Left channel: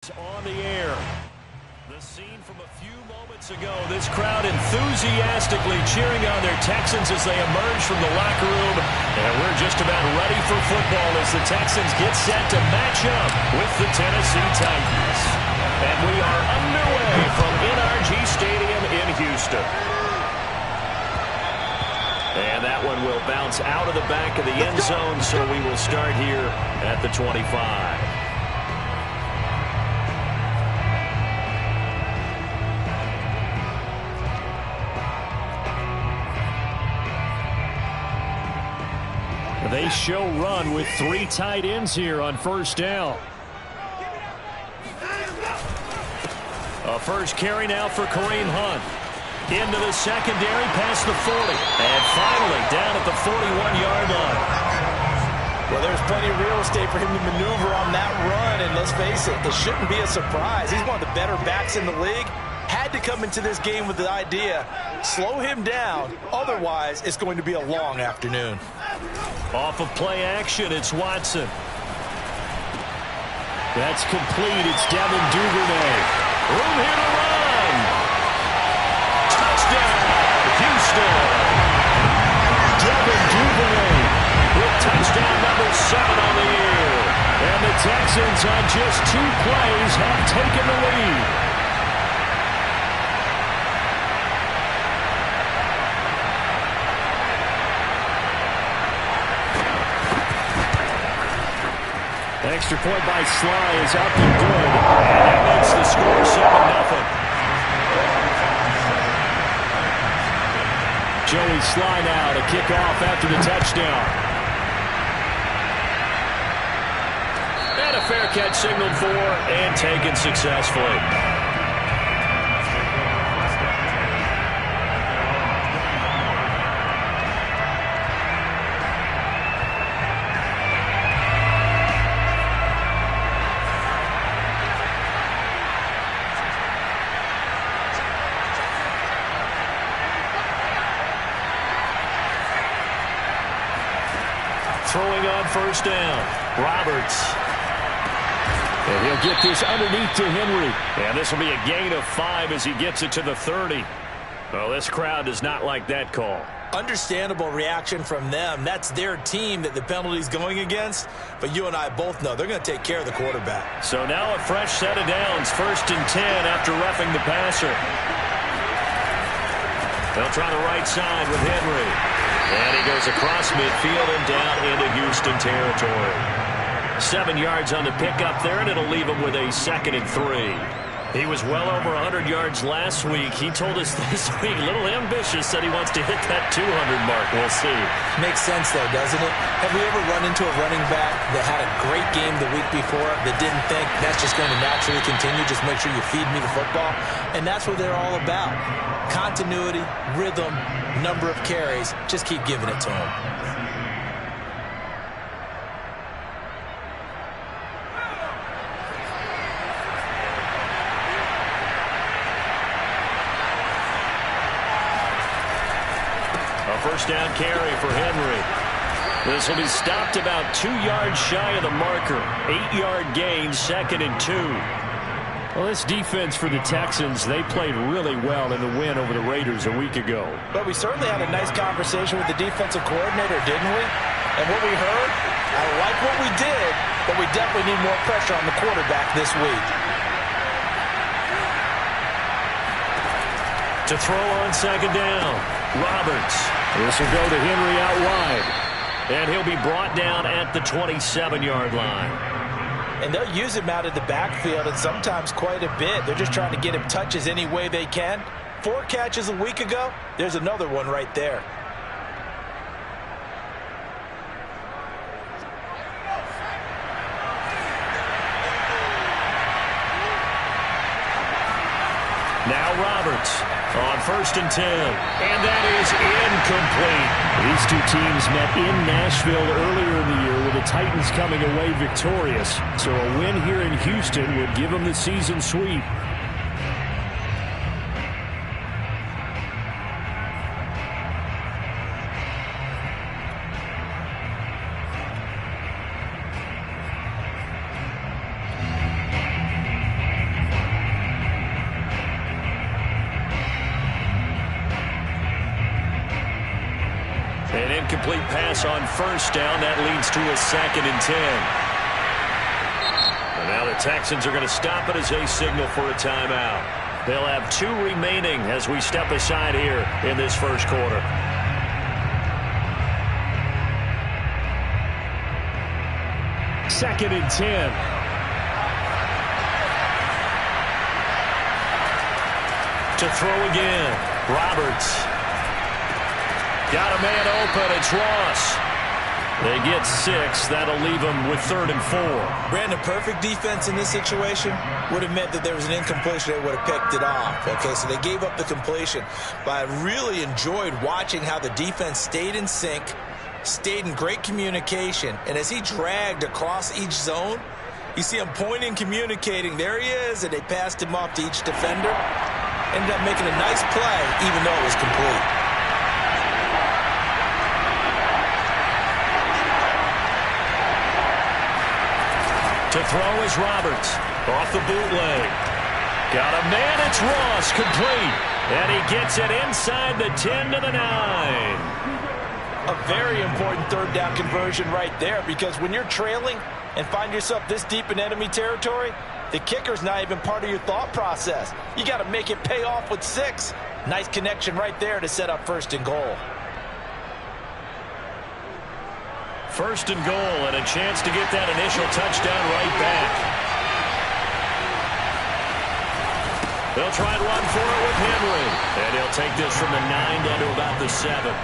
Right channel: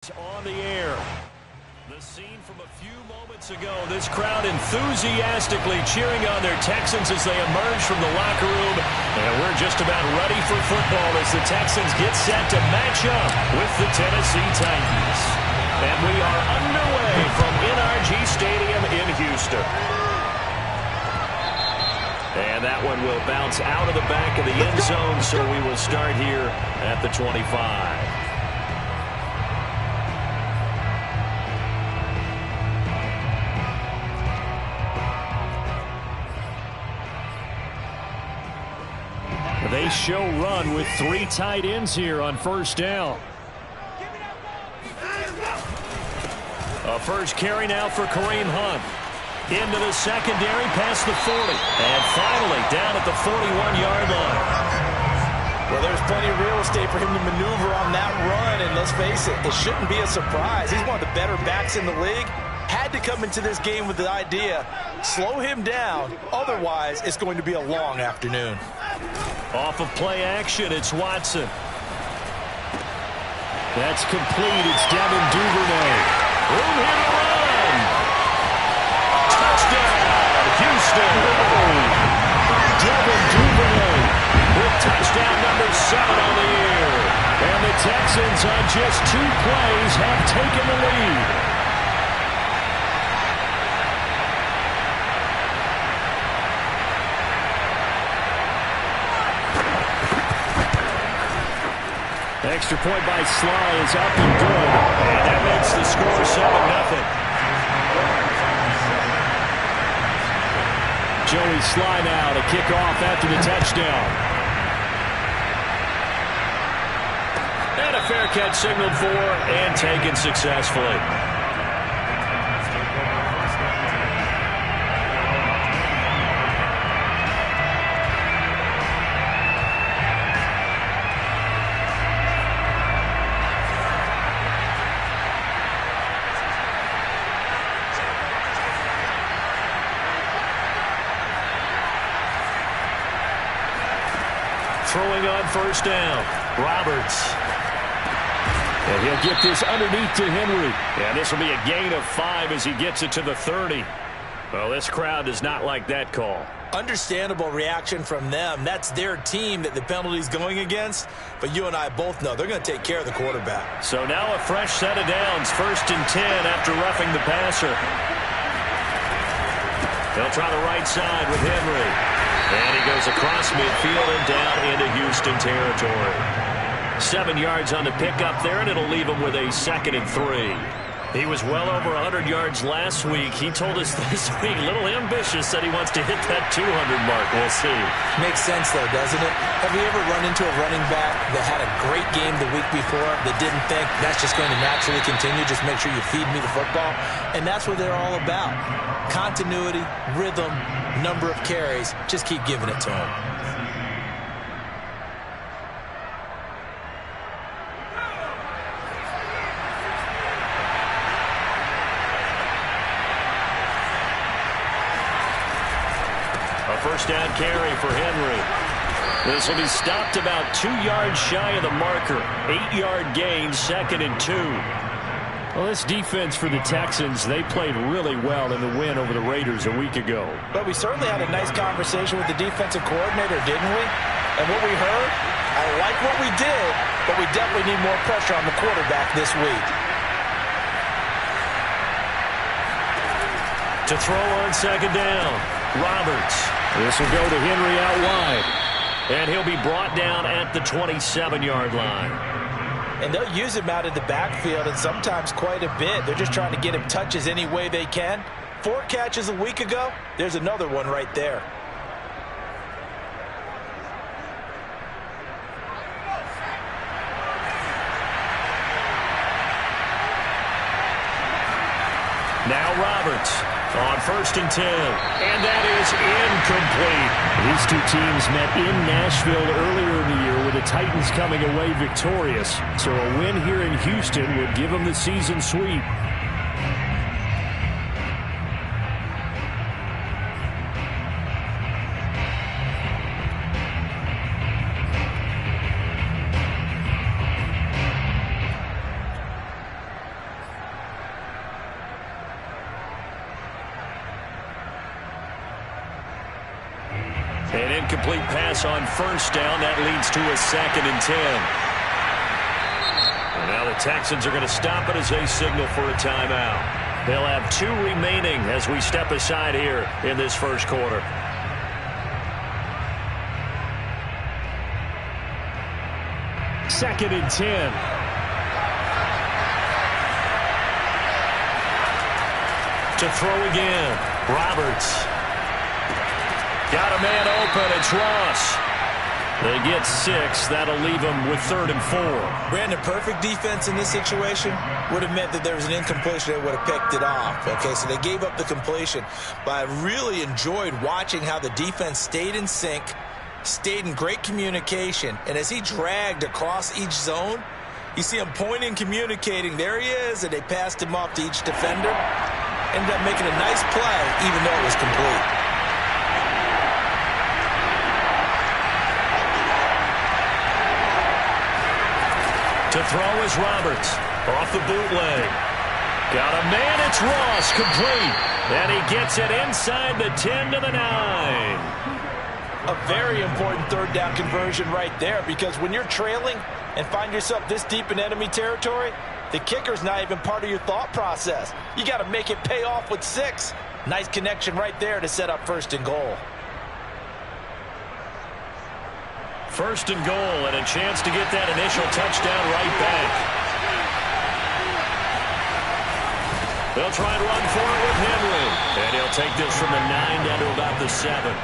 On the air. The scene from a few moments ago. This crowd enthusiastically cheering on their Texans as they emerge from the locker room. And we're just about ready for football as the Texans get set to match up with the Tennessee Titans. And we are underway from NRG Stadium in Houston. And that one will bounce out of the back of the end zone, so we will start here at the 25. They show run with three tight ends here on first down. A first carry now for Kareem Hunt. Into the secondary, past the 40. And finally down at the 41-yard line. Well, there's plenty of real estate for him to maneuver on that run. And let's face it, it shouldn't be a surprise. He's one of the better backs in the league. Had to come into this game with the idea, slow him down. Otherwise, it's going to be a long afternoon. Off of play action, it's Watson. That's complete. It's Devin Duvernay. Room here to run. Touchdown, Houston. Devin Duvernay with touchdown number 7 on the year. And the Texans on just 2 plays have taken the lead. Extra point by Sly is up and good. And that makes the score 7-0. Joey Sly now to kick off after the touchdown. And a fair catch signaled for and taken successfully. Throwing on first down, Roberts. And he'll get this underneath to Henry. And this will be a gain of 5 as he gets it to the 30. Well, this crowd does not like that call. Understandable reaction from them. That's their team that the penalty's going against. But you and I both know they're going to take care of the quarterback. So now a fresh set of downs. 1st and 10 after roughing the passer. They'll try the right side with Henry. And he goes across midfield and down into Houston territory. 7 yards on the pickup there, and it'll leave him with a 2nd and 3. He was well over 100 yards last week. He told us this week, a little ambitious, said he wants to hit that 200 mark. We'll see. Makes sense, though, doesn't it? Have we ever run into a running back that had a great game the week before that didn't think that's just going to naturally continue? Just make sure you feed me the football. And that's what they're all about. Continuity, rhythm, number of carries. Just keep giving it to him. A first down carry for Henry. This will be stopped about 2 yards shy of the marker. 8-yard gain, 2nd and 2. Well, this defense for the Texans, they played really well in the win over the Raiders a week ago. But we certainly had a nice conversation with the defensive coordinator, didn't we? And what we heard, I like what we did, but we definitely need more pressure on the quarterback this week. To throw on 2nd down, Roberts. This will go to Henry out wide. And he'll be brought down at the 27-yard line. And they'll use him out of the backfield, and sometimes quite a bit. They're just trying to get him touches any way they can. 4 catches a week ago. There's another one right there. Now Roberts on 1st and 10. And that is incomplete. These two teams met in Nashville earlier in the year with the Titans coming away victorious. So a win here in Houston would give them the season sweep. An incomplete pass on first down. That leads to a 2nd and 10. And now the Texans are going to stop it as they signal for a timeout. They'll have 2 remaining as we step aside here in this first quarter. Second and 10. To throw again. Roberts. Got a man open. It's Ross. They get 6. That'll leave them with 3rd and 4. Brandon, perfect defense in this situation would have meant that there was an incompletion. They would have picked it off. Okay, so they gave up the completion. But I really enjoyed watching how the defense stayed in sync, stayed in great communication, and as he dragged across each zone, you see him pointing, communicating. There he is, and they passed him off to each defender. Ended up making a nice play, even though it was complete. To throw is Roberts. Off the bootleg. Got a man, it's Ross, complete. And he gets it inside the 10 to the 9. A very important 3rd down conversion right there, because when you're trailing and find yourself this deep in enemy territory, the kicker's not even part of your thought process. You got to make it pay off with 6. Nice connection right there to set up 1st and goal. 1st and goal, and a chance to get that initial touchdown right back. They'll try and run for it with Henry. And he'll take this from the 9 down to about the 7.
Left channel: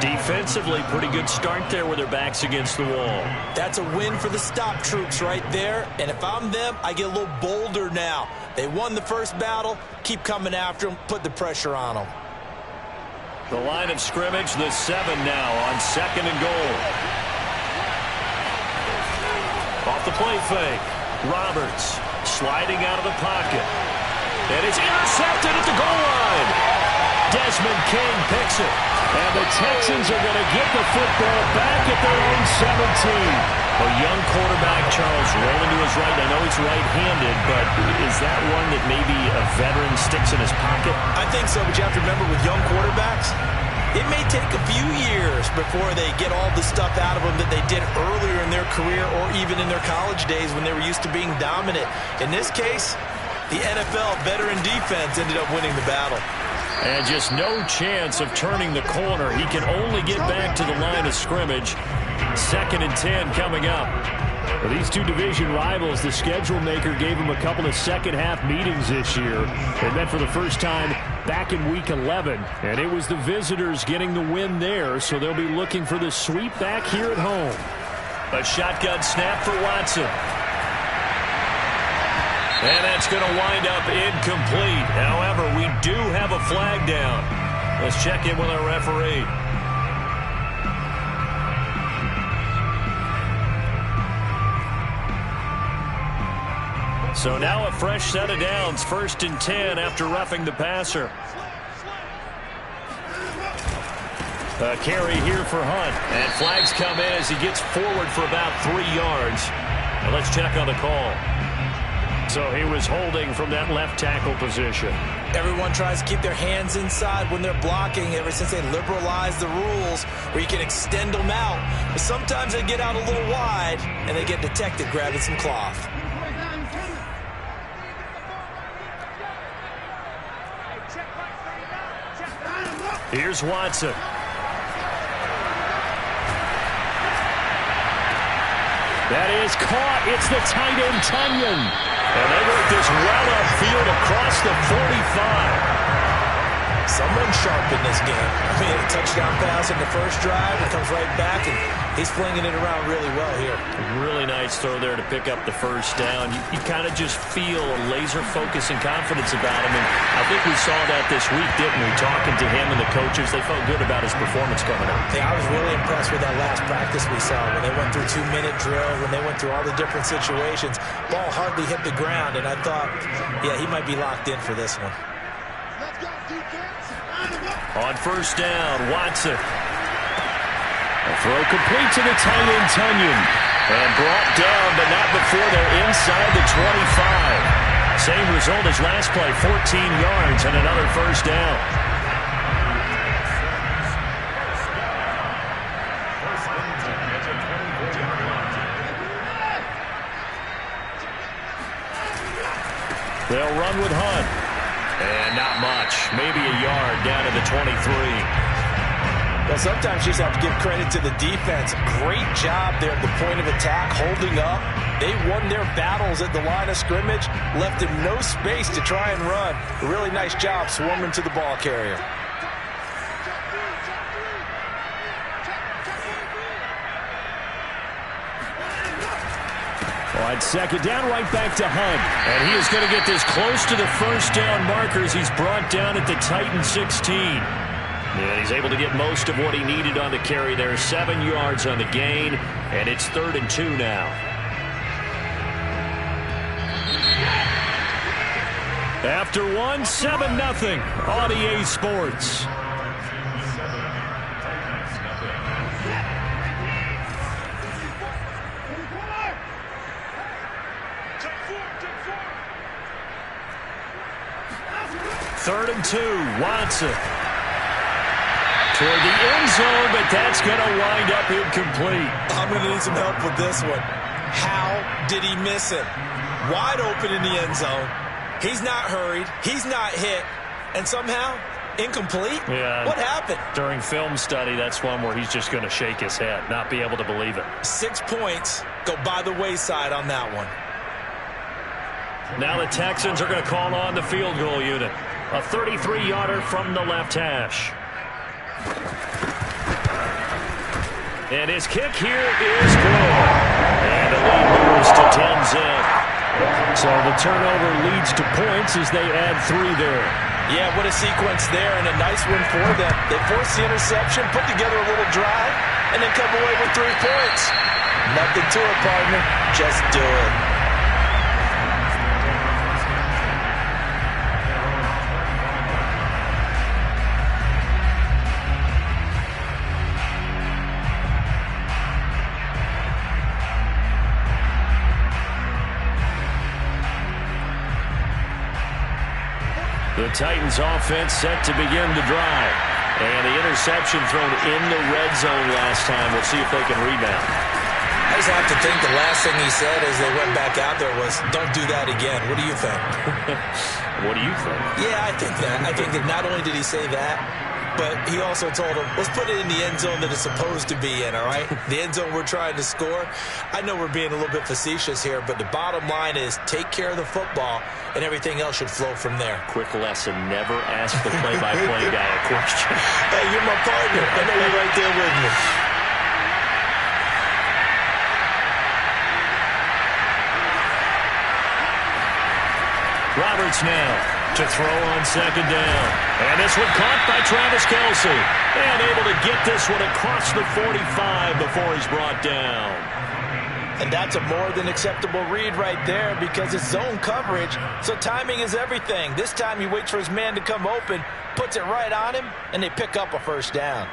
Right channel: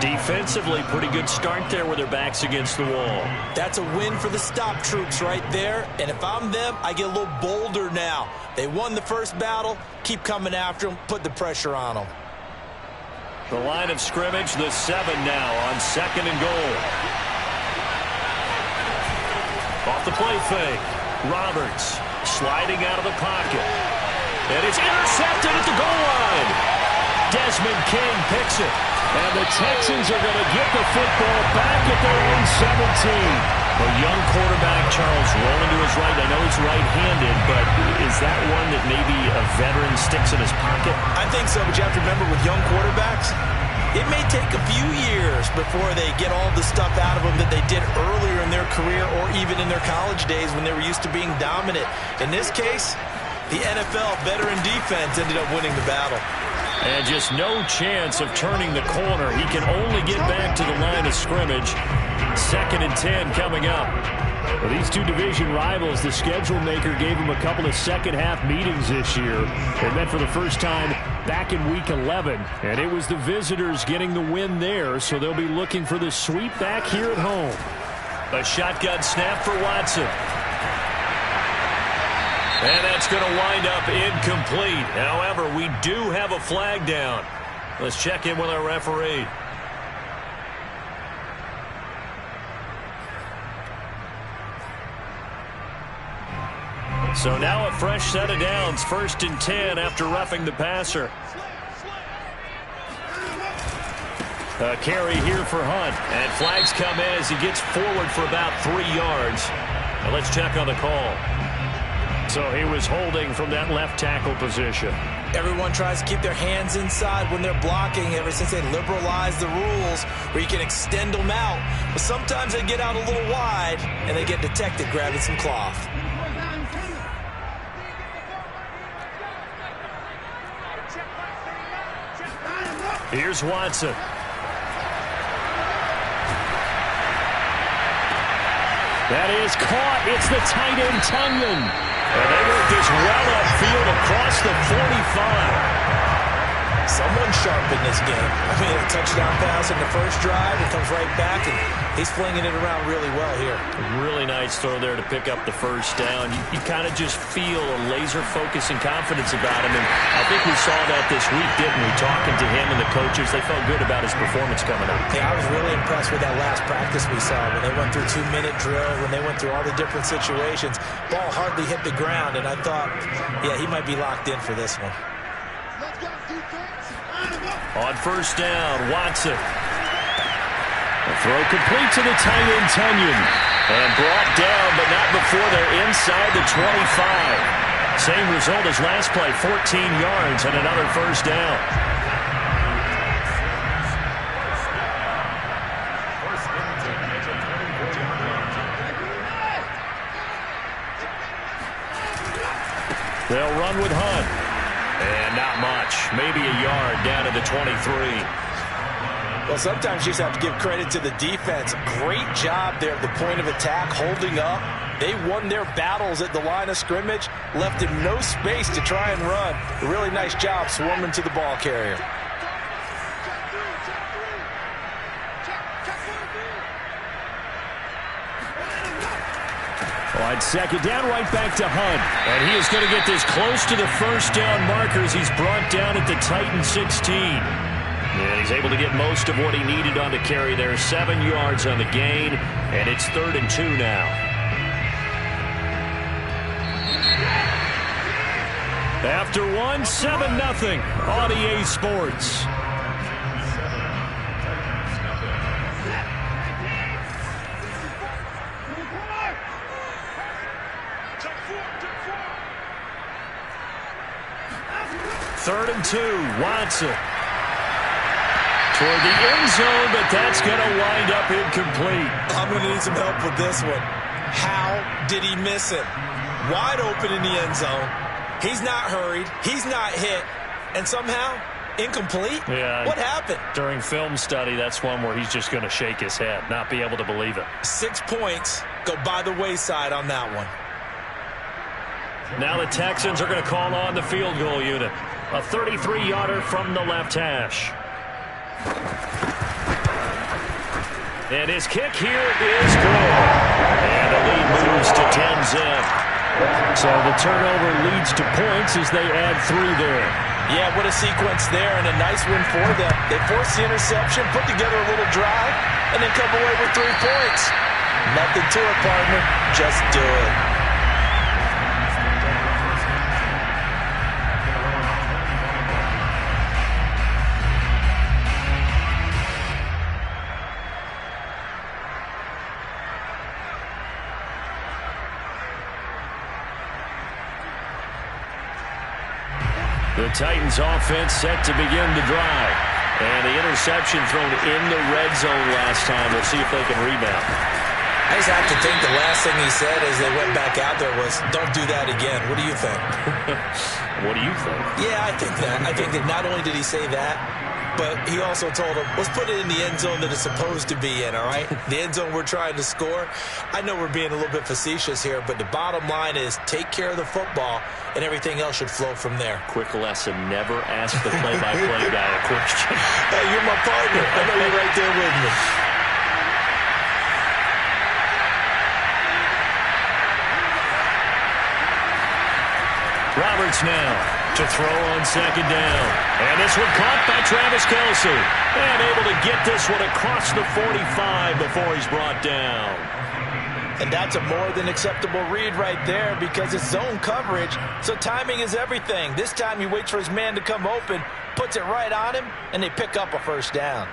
Defensively, pretty good start there with their backs against the wall. That's a win for the stop troops right there. And if I'm them, I get a little bolder now. They won the first battle. Keep coming after them. Put the pressure on them. The line of scrimmage, the 7 now on 2nd and goal. Off the play fake. Roberts sliding out of the pocket. And it's intercepted at the goal line. Desmond King picks it. And the Texans are going to get the football back at their own 17. A young quarterback, Charles, rolling to his right. I know he's right-handed, but is that one that maybe a veteran sticks in his pocket? I think so, but you have to remember with young quarterbacks, it may take a few years before they get all the stuff out of them that they did earlier in their career or even in their college days when they were used to being dominant. In this case, the NFL veteran defense ended up winning the battle. And just no chance of turning the corner. He can only get back to the line of scrimmage. 2nd and 10 coming up. For these two division rivals, the schedule maker gave them a couple of second-half meetings this year. They met for the first time back in Week 11, and it was the visitors getting the win there, so they'll be looking for the sweep back here at home. A shotgun snap for Watson. And that's going to wind up incomplete. However, we do have a flag down. Let's check in with our referee. So now a fresh set of downs, 1st and 10 after roughing the passer. A carry here for Hunt. And flags come in as he gets forward for about 3 yards. Now let's check on the call. So he was holding from that left tackle position. Everyone tries to keep their hands inside when they're blocking ever since they liberalized the rules where you can extend them out. But sometimes they get out a little wide and they get detected grabbing some cloth. Here's Watson. That is caught. It's the tight end, Tunyon. And they work this well upfield across the 45. Someone's sharp in this game. I mean, a touchdown pass in the first drive. It comes right back, and he's flinging it around really well here. A really nice throw there to pick up the first down. You kind of just feel a laser focus and confidence about him. And I think we saw that this week, didn't we? Talking to him and the coaches, they felt good about his performance coming up. Yeah, I was really impressed with that last practice we saw when they went through 2-minute drill, when they went through all the different situations. Ball hardly hit the ground, and I thought, yeah, he might be locked in for this one. On first down, Watson. A throw complete to the tight end, Tunyon. And brought down, but not before they're inside the 25. Same result as last play, 14 yards and another first down. They'll run with Hunt. And not much. Maybe a yard down to the 23. Well, sometimes you just have to give credit to the defense. Great job there at the point of attack, holding up. They won their battles at the line of scrimmage, left him no space to try and run. A really nice job swarming to the ball carrier. On second down, right back to Hunt. And he is going to get this close to the first down markers. He's brought down at the Titan 16. And he's able to get most of what he needed on the carry there. 7 yards on the gain, and it's 3rd and 2 now. After one, 7-0 on EA Sports. Third and 2, Watson. Toward the end zone, but that's going to wind up incomplete. I'm going to need some help with this one. How did he miss him? Wide open in the end zone. He's not hurried. He's not hit. And somehow, incomplete? Yeah. What happened? During film study, that's one where he's just going to shake his head, not be able to believe it. 6 points go by the wayside on that one. Now the Texans are going to call on the field goal unit. A 33-yarder from the left hash. And his kick here is good. And the lead moves to 10-zip. So the turnover leads to points as they add 3 there. Yeah, what a sequence there, and a nice win for them. They forced the interception, put together a little drive, and then come away with 3 points. Nothing to it, partner. Just do it. The Titans offense set to begin the drive. And the interception thrown in the red zone last time. We'll see if they can rebound. I just have to think the last thing he said as they went back out there was, don't do that again. What do you think? What do you think? Yeah, I think that. I think that not only did he say that, but he also told him, let's put it in the end zone that it's supposed to be in, all right? The end zone we're trying to score. I know we're being a little bit facetious here, but the bottom line is take care of the football, and everything else should flow from there. Quick lesson, never ask the play-by-play guy a question. Hey, you're my partner. I know you're right there with me. Roberts now to throw on second down. And this one caught by Travis Kelce. And able to get this one across the 45 before he's brought down. And that's a more than acceptable read right there because it's zone coverage, so timing is everything. This time he waits for his man to come open, puts it right on him, and they pick up a first down.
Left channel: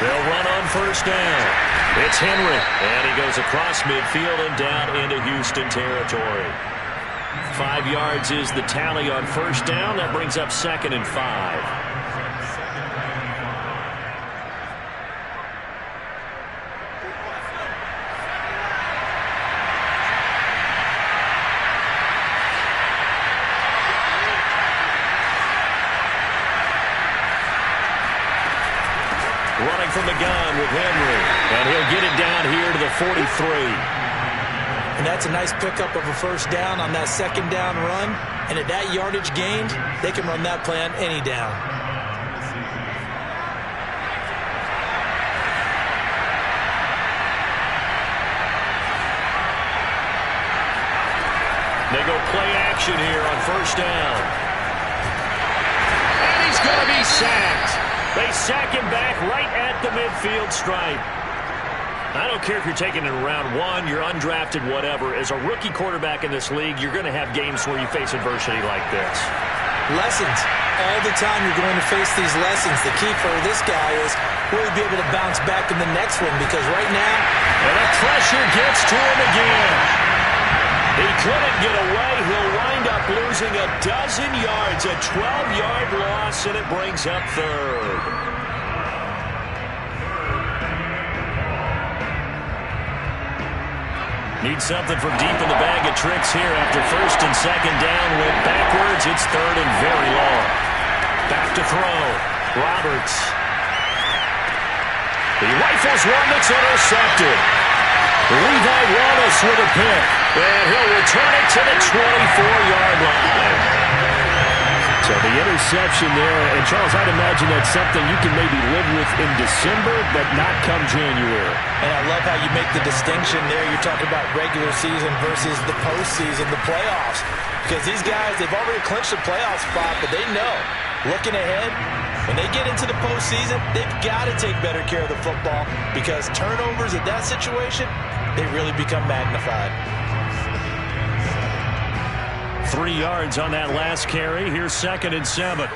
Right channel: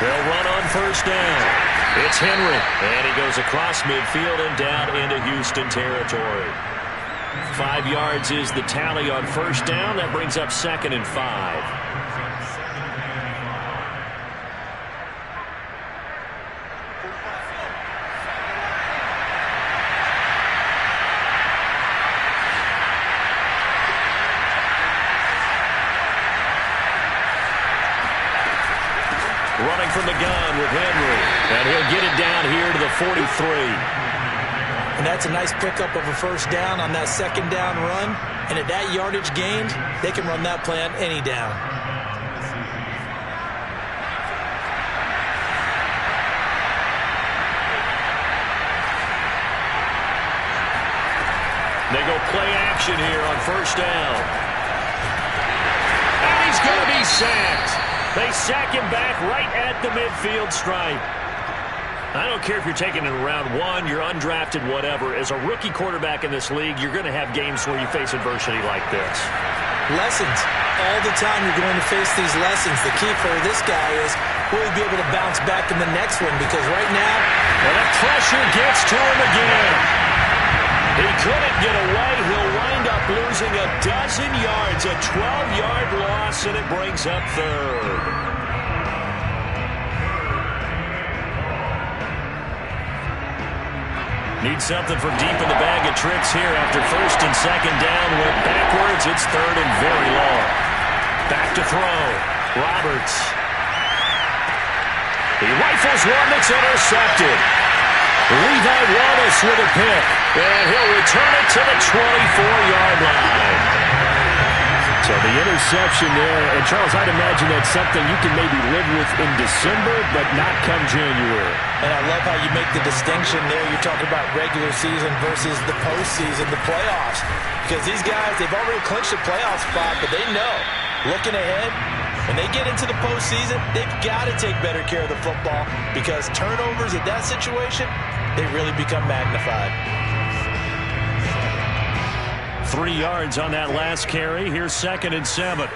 They'll run on first down. It's Henry, and he goes across midfield and down into Houston territory. 5 yards is the tally on first down. That brings up 2nd and 5. Running from the gun with Henry. And he'll get it down here to the 43. And that's a nice pickup of a first down on that second down run. And at that yardage gained, they can run that play on any down. They go play action here on first down. And he's going to be sacked. They sack him back right at the midfield stripe. I don't care if you're taking it in round 1, you're undrafted, whatever. As a rookie quarterback in this league, you're going to have games where you face adversity like this. Lessons. All the time you're going to face these lessons. The key for this guy is will he be able to bounce back in the next one? Because right now, and the pressure gets to him again. He couldn't get away. He'll wind up up losing a dozen yards, a 12-yard loss, and it brings up third. Need something from deep in the bag of tricks here after first and second down. Went backwards. It's third and very long. Back to throw. Roberts. He rifles one that's intercepted. Levi Wallace with a pick. And he'll return it to the 24-yard line. So the interception there. And, Charles, I'd imagine that's something you can maybe live with in December, but not come January. And I love how you make the distinction there. You're talking about regular season versus the postseason, the playoffs. Because these guys, they've already clinched the playoff spot, but they know, looking ahead, when they get into the postseason, they've got to take better care of the football because turnovers in that situation, they really become magnified. 3 yards on that last carry. Here's 2nd and 7.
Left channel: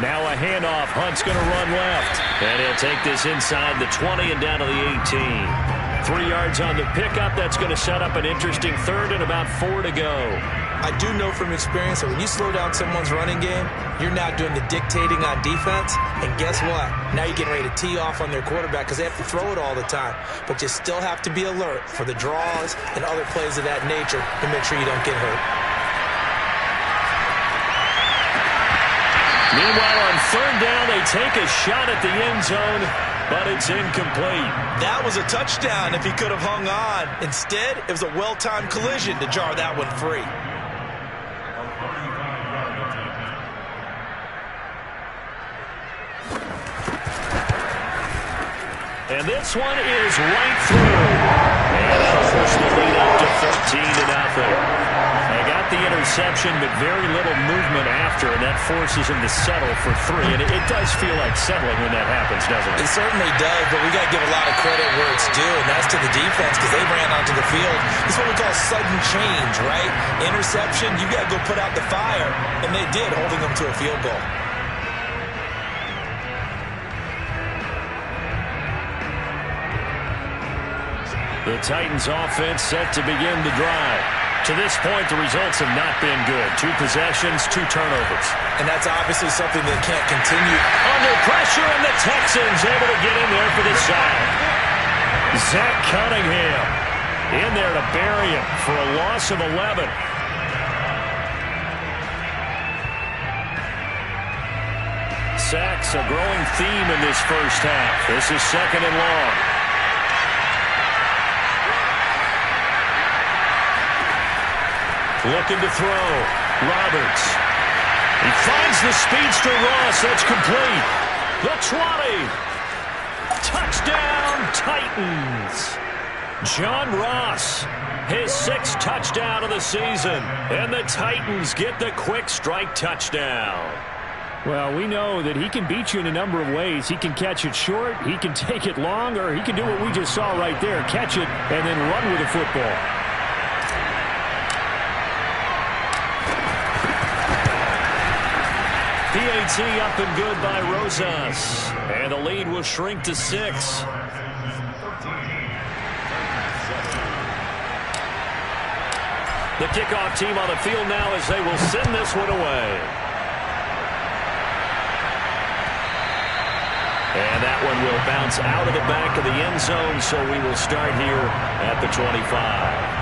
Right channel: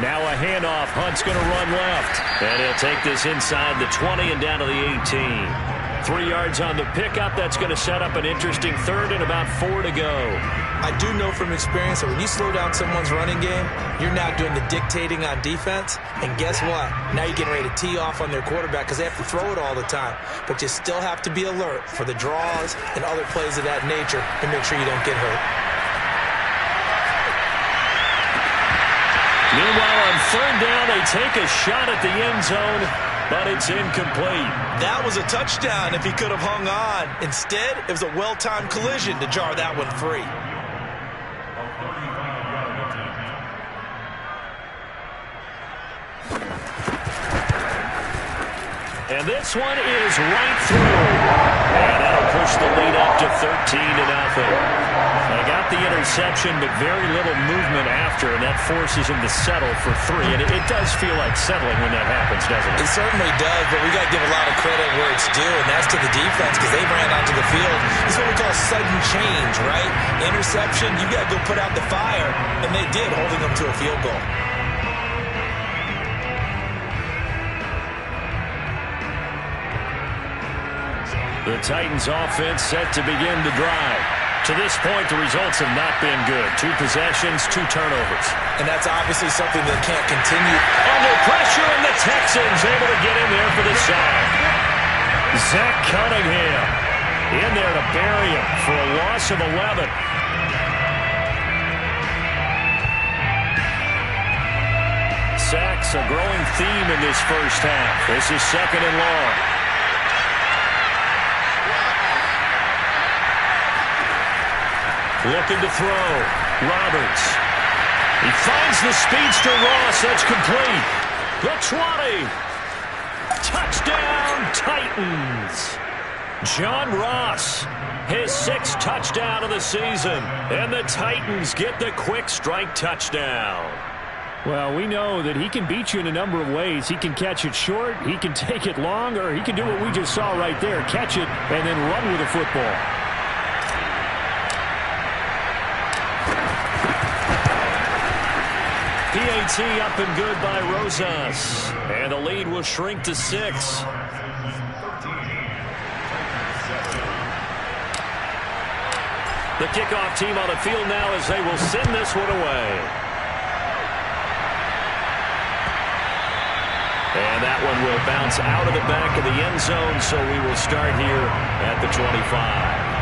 Now a handoff. Hunt's going to run left. And he'll take this inside the 20 and down to the 18. 3 yards on the pickup. That's going to set up an interesting third and about 4 to go. I do know from experience that when you slow down someone's running game, you're now doing the dictating on defense. And guess what? Now you're getting ready to tee off on their quarterback because they have to throw it all the time. But you still have to be alert for the draws and other plays of that nature to make sure you don't get hurt. Meanwhile, on third down, they take a shot at the end zone, but it's incomplete. That was a touchdown if he could have hung on. Instead, it was a well-timed collision to jar that one free. And this one is right through. And that'll push the lead up to 13-0. They got the interception, but very little movement after, and that forces him to settle for 3. And it does feel like settling when that happens, doesn't it? It certainly does, but we got to give a lot of credit where it's due, and that's to the defense because they ran onto the field. It's what we call sudden change, right? Interception, you got to go put out the fire, and they did, holding them to a field goal. The Titans offense set to begin the drive. To this point, the results have not been good. 2 possessions, 2 turnovers. And that's obviously something that can't continue. Under pressure, and the Texans able to get in there for the sack. Zach Cunningham in there to bury him for a loss of 11. Sacks a growing theme in this first half. This is 2nd and long. Looking to throw. Roberts. He finds the speedster Ross. That's complete. The 20. Touchdown, Titans. John Ross, his 6th touchdown of the season. And the Titans get the quick strike touchdown. Well, we know that he can beat you in a number of ways. He can catch it short, he can take it long, or he can do what we just saw right there, catch it and then run with the football. PAT up and good by Rosas. And the lead will shrink to 6. The kickoff team on the field now as they will send this one away. And that one will bounce out of the back of the end zone, so we will start here at the 25.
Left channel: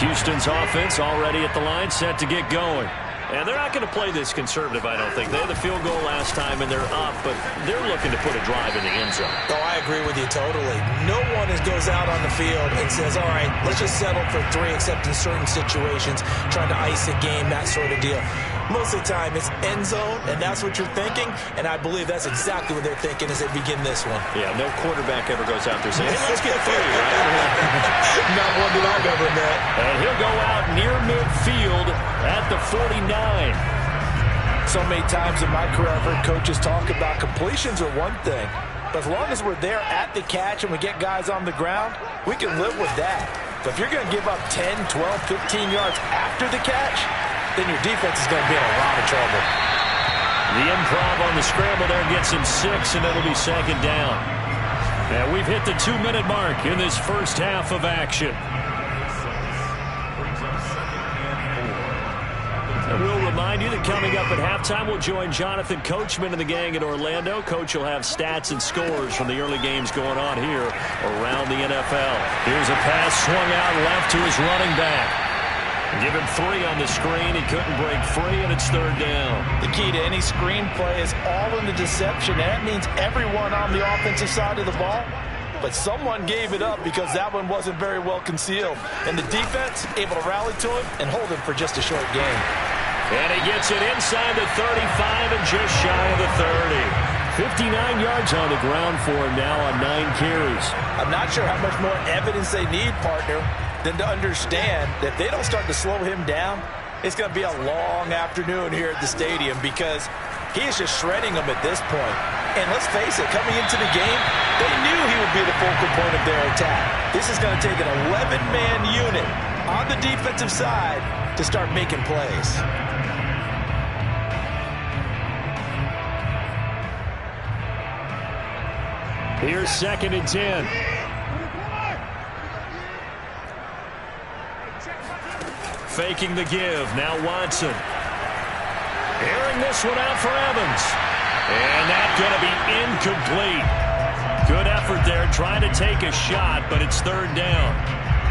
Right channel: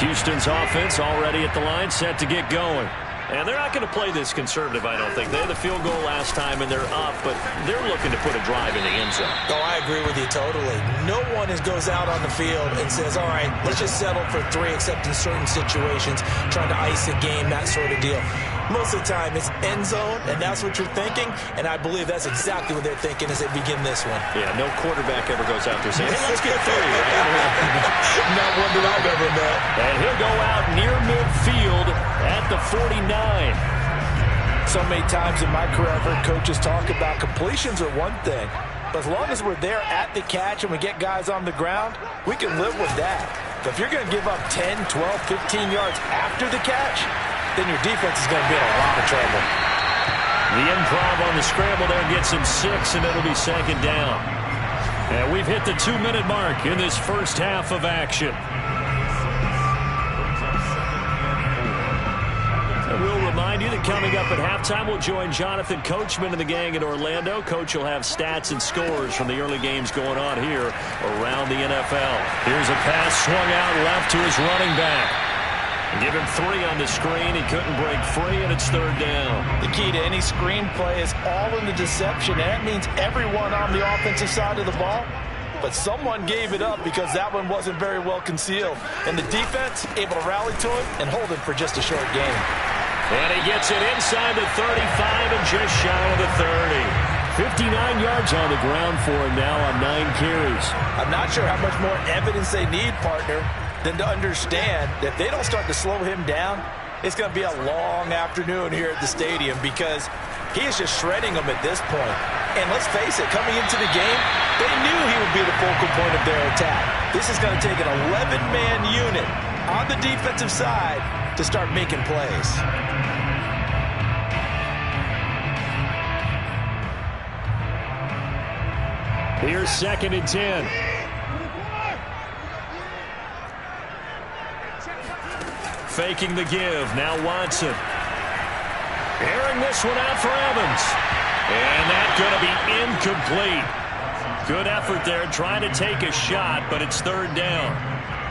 Houston's offense already at the line, set to get going. And they're not going to play this conservative, I don't think. They had the field goal last time, and they're up, but they're looking to put a drive in the end zone. Oh, I agree with you totally. No one goes out on the field and says, all right, let's just settle for 3, except in certain situations, trying to ice a game, that sort of deal. Most of the time, it's end zone, and that's what you're thinking, and I believe that's exactly what they're thinking as they begin this one. Yeah, no quarterback ever goes out there saying, hey, let's get 3, right? Not one that I've ever met. And he'll go out near midfield at the 49. So many times in my career, I've heard coaches talk about completions are one thing, but as long as we're there at the catch and we get guys on the ground, we can live with that. But if you're going to give up 10, 12, 15 yards after the catch, then your defense is going to be in a lot of trouble. The improv on the scramble there gets him 6, and it'll be second down. And we've hit the 2-minute mark in this first half of action. And we'll remind you that coming up at halftime, we'll join Jonathan Coachman and the gang in Orlando. Coach will have stats and scores from the early games going on here around the NFL. Here's a pass swung out left to his running back. Give him 3 on the screen. He couldn't break free, and it's third down. The key to any screen play is all in the deception. And that means everyone on the offensive side of the ball. But someone gave it up because that one wasn't very well concealed. And the defense able to rally to him and hold him for just a short game. And he gets it inside the 35 and just shy of the 30. 59 yards on the ground for him now on 9 carries. I'm not sure how much more evidence they need, partner, than to understand that if they don't start to slow him down, it's going to be a long afternoon here at the stadium because he is just shredding them at this point. And let's face it, coming into the game, they knew he would be the focal point of their attack. This is going to take an 11-man unit on the defensive side to start making plays. Here's 2nd and 10. Faking the give. Now Watson. Airing this one out for Evans. And that's going to be incomplete. Good effort there trying to take a shot, but it's third down.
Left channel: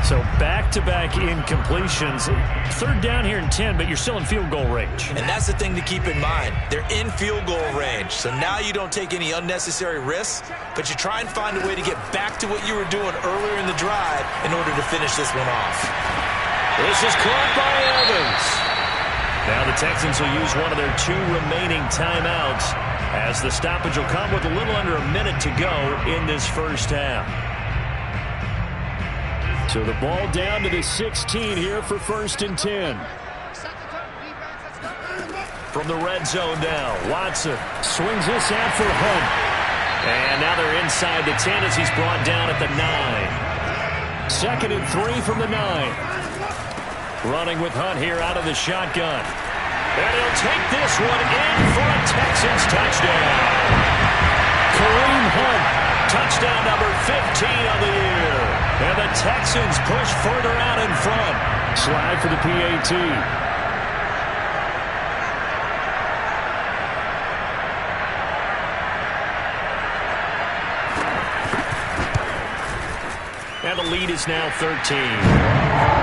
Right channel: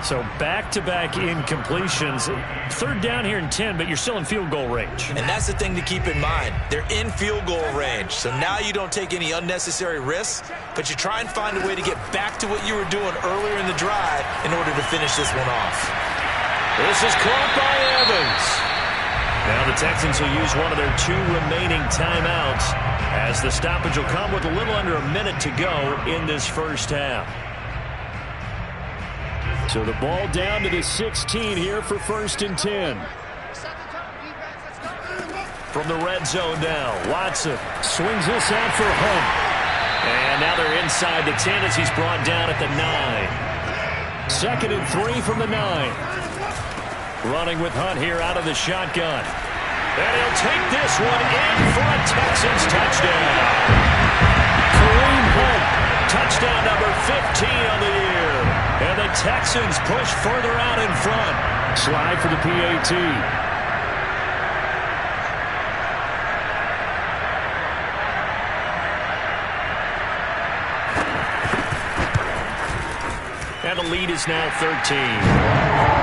So back-to-back incompletions. Third down here in 10, but you're still in field goal range. And that's the thing to keep in mind. They're in field goal range. So now you don't take any unnecessary risks, but you try and find a way to get back to what you were doing earlier in the drive in order to finish this one off. This is caught by Evans. Now the Texans will use one of their 2 remaining timeouts as the stoppage will come with a little under a minute to go in this first half. So the ball down to the 16 here for 1st and 10. From the red zone now, Watson Swings this out for Hunt. And now they're inside the 10 as he's brought down at the 9. 2nd and 3 from the 9. Running with Hunt here out of the shotgun. And he'll take this one in for a Texans touchdown. Kareem Hunt. Touchdown number 15 on the year. And the Texans push further out in front. Slide for the PAT. And the lead is now 13.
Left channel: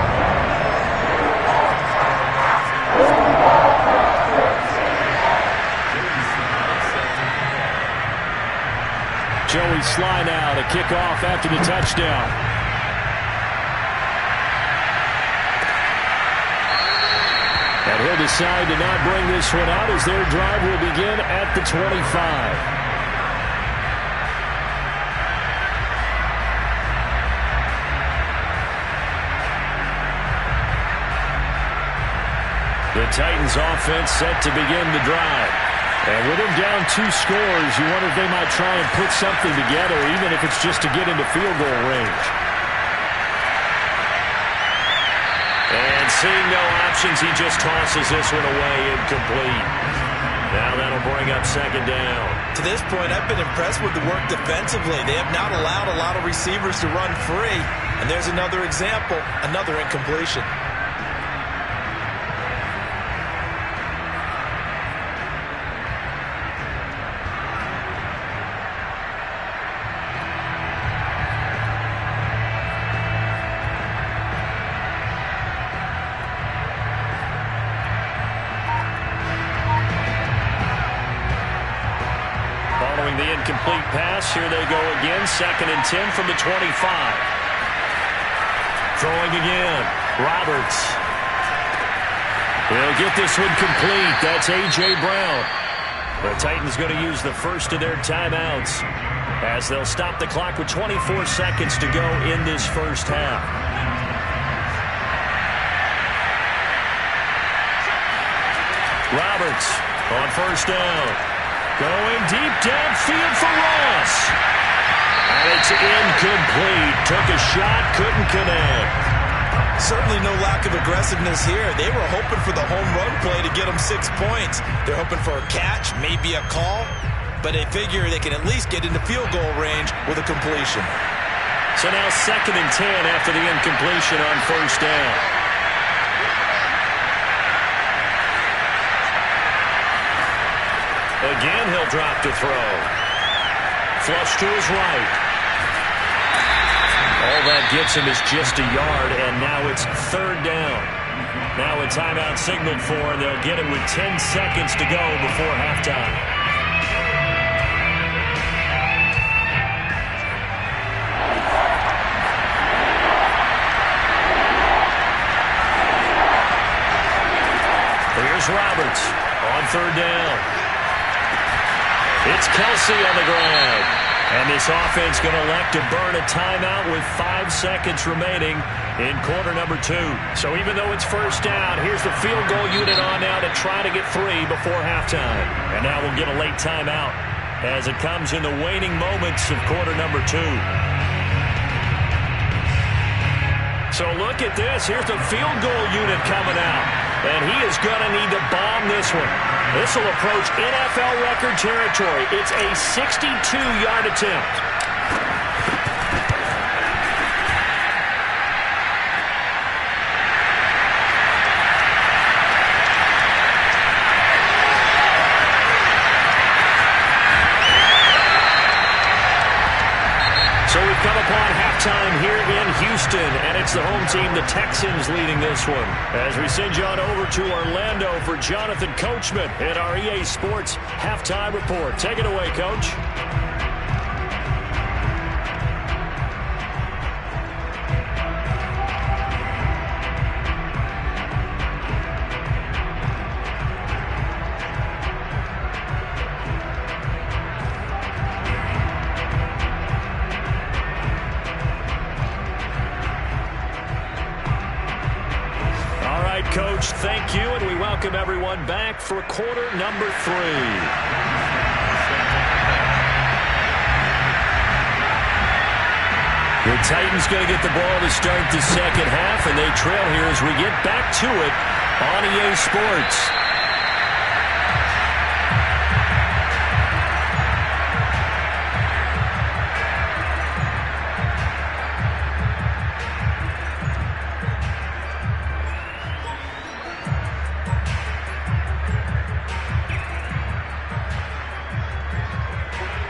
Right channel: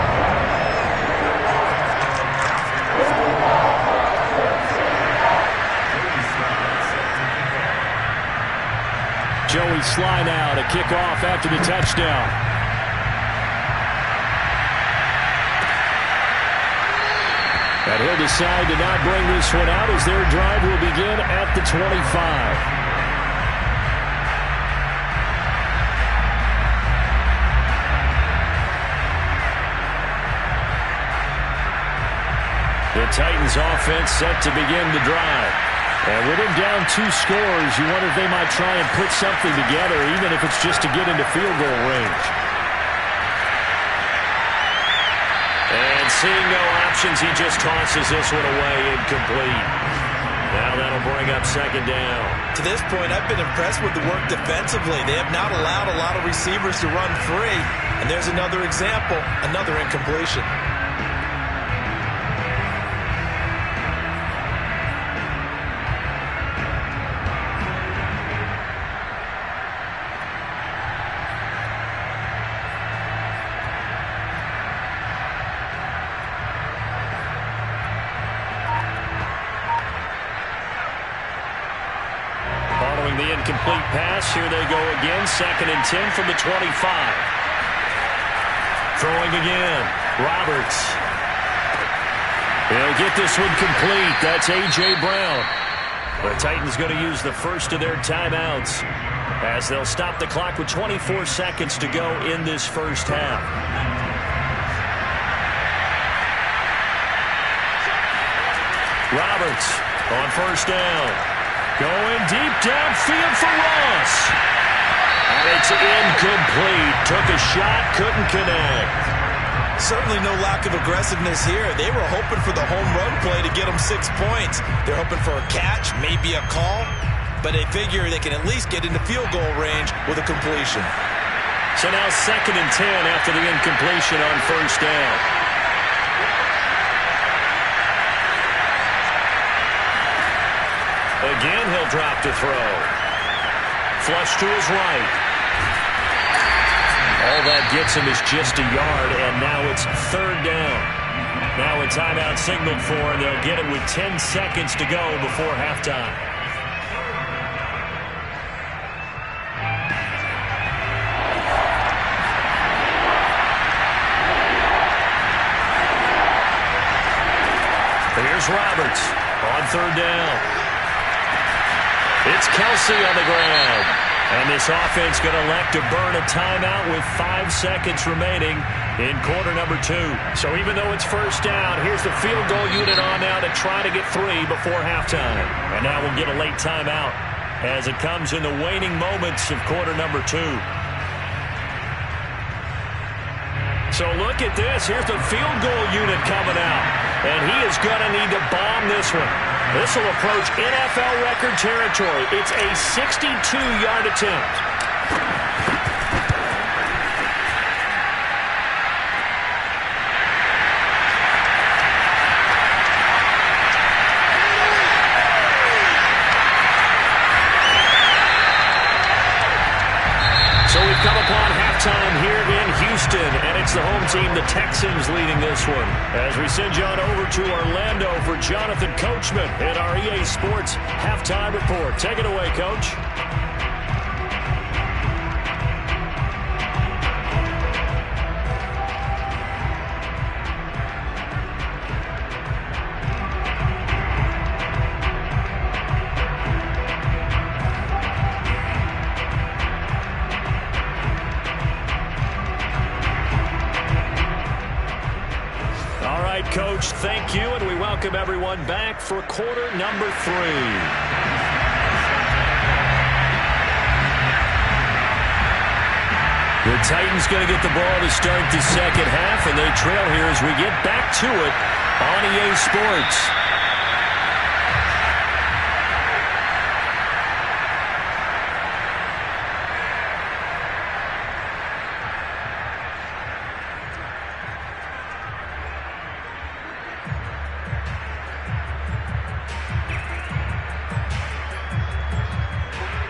Joey Sly now to kick off after the touchdown. And he'll decide to not bring this one out as their drive will begin at the 25. The Titans offense set to begin the drive. And with him down 2 scores, you wonder if they might try and put something together, even if it's just to get into field goal range. And seeing no options, he just tosses this one away incomplete. Now that'll bring up 2nd down. To this point, I've been impressed with the work defensively. They have not allowed a lot of receivers to run free. And there's another example, another incompletion. Following the incomplete pass, here they go again. 2nd and 10 from the 25. Throwing again. Roberts. He'll get this one complete. That's A.J. Brown. The Titans going to use the first of their timeouts as they'll stop the clock with 24 seconds to go in this first half. Roberts on 1st down. Going deep downfield for Ross. And it's incomplete. Took a shot, couldn't connect. Certainly no lack of aggressiveness here. They were hoping for the home run play to get them 6 points. They're hoping for a catch, maybe a call, but they figure they can at least get into field goal range with a completion. So now 2nd and 10 after the incompletion on 1st down. Again, he'll drop to throw. Flush to his right. All that gets him is just a yard, and now it's 3rd down. Now a timeout signaled for, and they'll get it with 10 seconds to go before halftime. Here's Roberts on 3rd down. It's Kelsey on the grab. And this offense going to elect to burn a timeout with 5 seconds remaining in quarter number 2. So even though it's 1st down, here's the field goal unit on now to try to get 3 before halftime. And now we'll get a late timeout as it comes in the waning moments of quarter number 2. So look at this. Here's the field goal unit coming out. And he is going to need to bomb this one. This will approach NFL record territory. It's a 62-yard attempt. So we've come upon halftime here in Houston, and it's the home team, the Texans, leading this one. As we send you on over to Orlando for Jonathan Coachman in our EA Sports Halftime Report. Take it away, Coach. Coach, thank you, and we welcome everyone back for quarter number 3. The Titans going to get the ball to start the second half, and they trail here as we get back to it on EA Sports.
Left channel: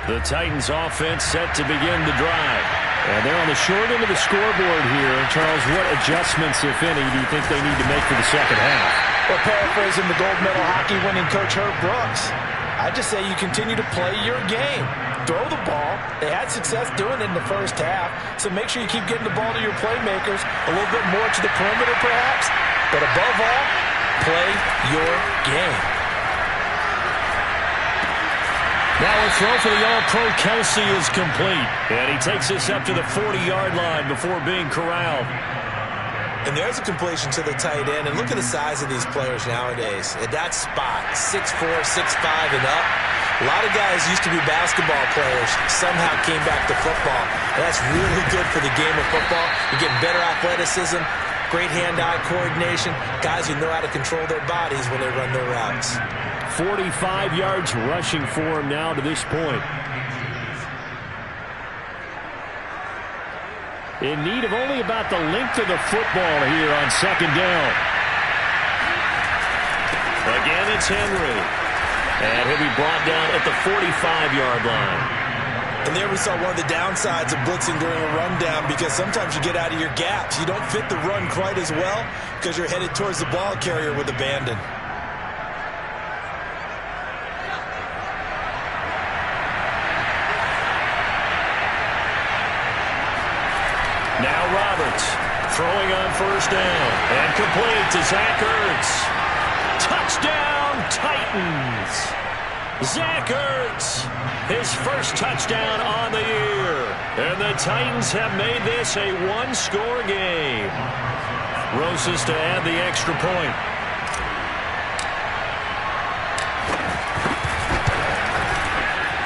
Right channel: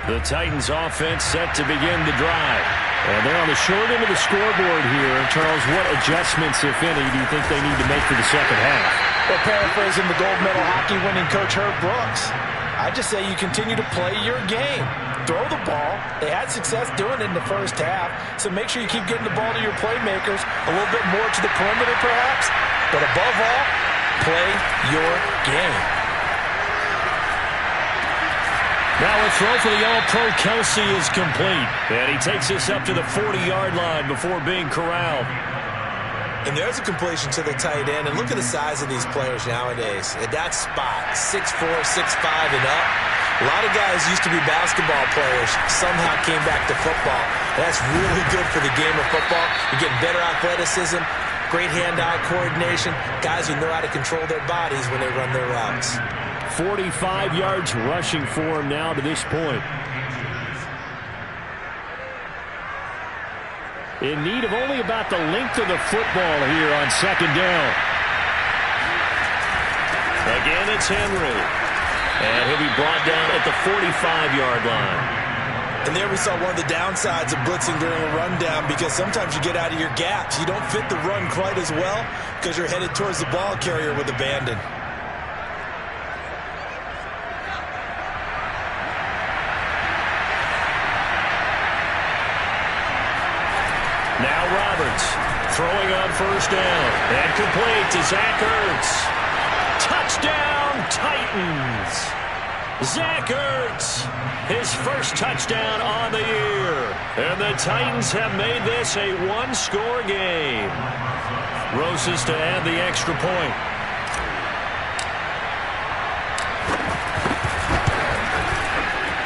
The Titans offense set to begin the drive. And they're on the short end of the scoreboard here. And Charles, what adjustments, if any, do you think they need to make for the second half? Well, paraphrasing the gold medal hockey winning coach Herb Brooks, I just say you continue to play your game. Throw the ball. They had success doing it in the first half, so make sure you keep getting the ball to your playmakers, a little bit more to the perimeter perhaps, but above all, play your game. Now a throw for the All-Pro Kelsey is complete. And he takes this up to the 40-yard line before being corralled. And there's a completion to the tight end. And look at the size of these players nowadays. At that spot, 6'4", 6'5", and up. A lot of guys used to be basketball players, somehow came back to football. And that's really good for the game of football. You're getting better athleticism, great hand-eye coordination, guys who know how to control their bodies when they run their routes. 45 yards rushing for him now to this point. In need of only about the length of the football here on second down. Again, it's Henry. And he'll be brought down at the 45-yard line. And there we saw one of the downsides of blitzing during a rundown, because sometimes you get out of your gaps. You don't fit the run quite as well because you're headed towards the ball carrier with abandon. Now Roberts throwing on first down and complete to Zach Ertz. Touchdown Titans. Zach Ertz, his first touchdown on the year. And the Titans have made this a one-score game. Rosas to add the extra point.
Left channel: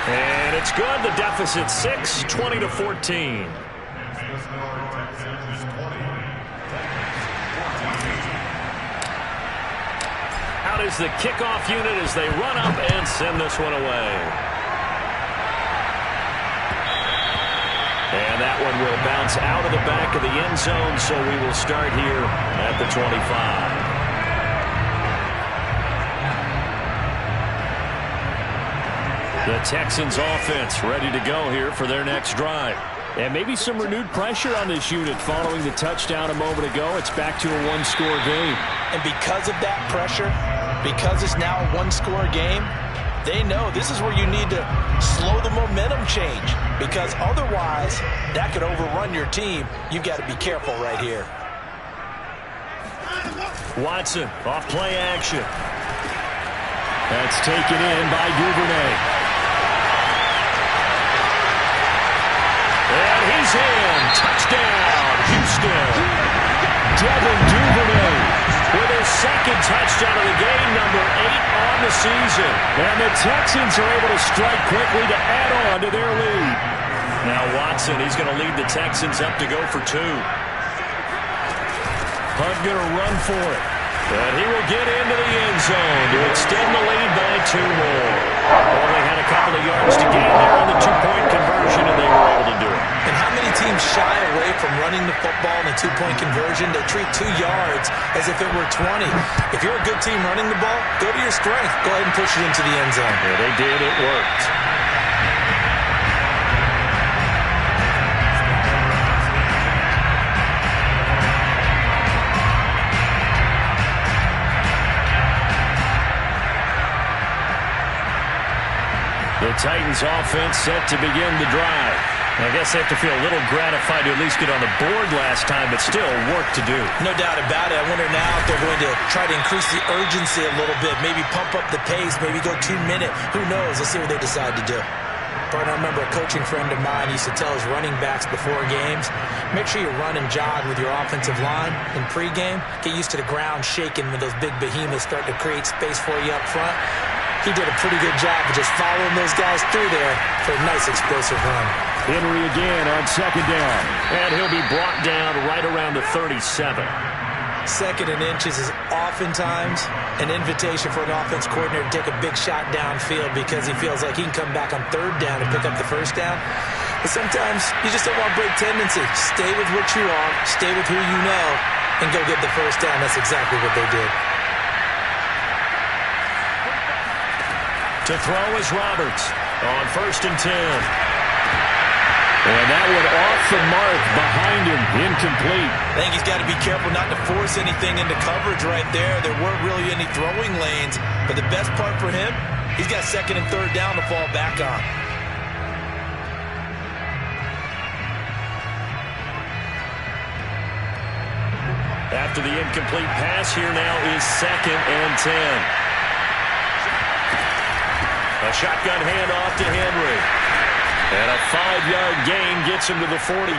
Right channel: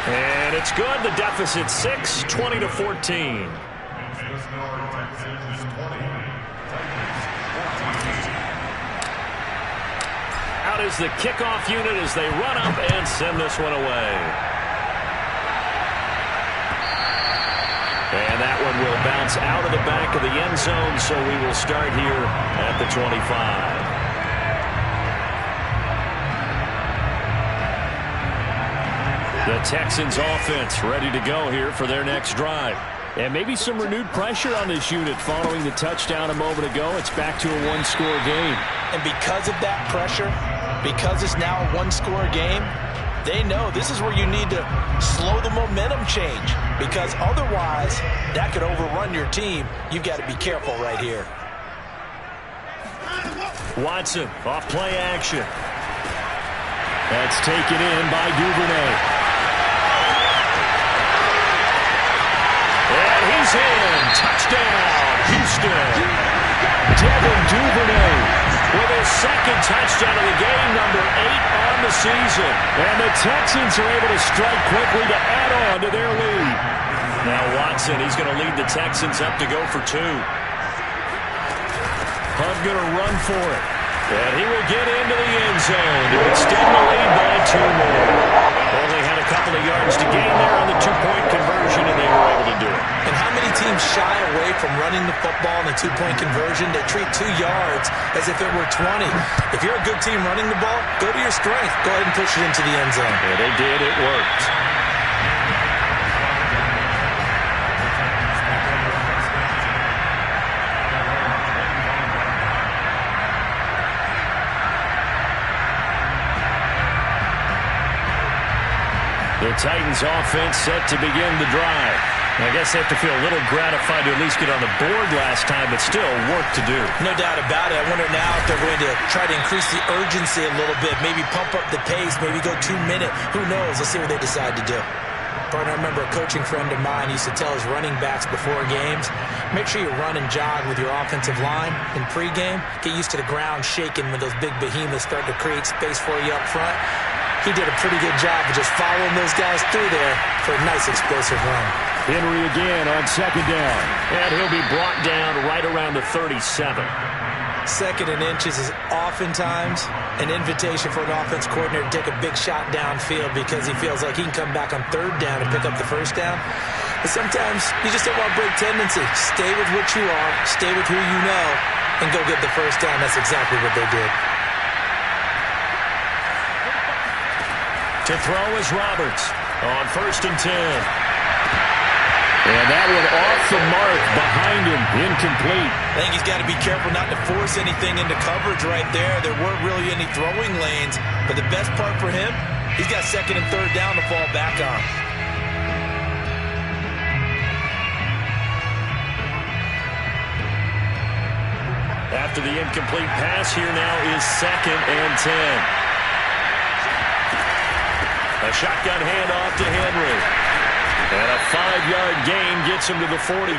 And it's good. The deficit 6, 20-14. Out is the kickoff unit as they run up and send this one away. And that one will bounce out of the back of the end zone, so we will start here at the 25. The Texans offense ready to go here for their next drive. And maybe some renewed pressure on this unit following the touchdown a moment ago. It's back to a one-score game. And because of that pressure, because it's now a one-score game, they know this is where you need to slow the momentum change, because otherwise that could overrun your team. You've got to be careful right here. Watson off play action. That's taken in by Duvernay. And he's in. Touchdown, Houston. Devin Duvernay with his second touchdown of the game, number 8 on the season. And the Texans are able to strike quickly to add on to their lead. Now Watson, he's going to lead the Texans up to go for 2. Hunt going to run for it. And he will get into the end zone to extend the lead by 2 more. Only had a couple of yards to gain there on the 2-point conversion, and they were able to do it. And how many teams shy away from running the football in the 2-point conversion? They treat 2 yards as if it were 20. If you're a good team running the ball, go to your strength. Go ahead and push it into the end zone. Yeah, they did. It worked. The Titans offense set to begin the drive. I guess they have to feel a little gratified to at least get on the board last time, but still work to do. No doubt about it. I wonder now if they're going to try to increase the urgency a little bit, maybe pump up the pace, maybe go 2-minute. Who knows? Let's see what they decide to do. Partner, I remember a coaching friend of mine used to tell his running backs before games, make sure you run and jog with your offensive line in pregame. Get used to the ground shaking when those big behemoths start to create space for you up front. He did a pretty good job of just following those guys through there for a nice explosive run. Henry again on second down. And he'll be brought down right around the 37. 2nd and inches is oftentimes an invitation for an offense coordinator to take a big shot downfield because he feels like he can come back on 3rd down and pick up the 1st down. But sometimes you just don't want break tendency. Stay with what you are, stay with who you know, and go get the 1st down. That's exactly what they did. To throw is Roberts on 1st and 10. And that one off the mark behind him, incomplete. I think he's got to be careful not to force anything into coverage right there. There weren't really any throwing lanes, but the best part for him, he's got 2nd and 3rd down to fall back on. After the incomplete pass, here now is 2nd and 10. A shotgun handoff to Henry. And a 5-yard gain gets him to the 42.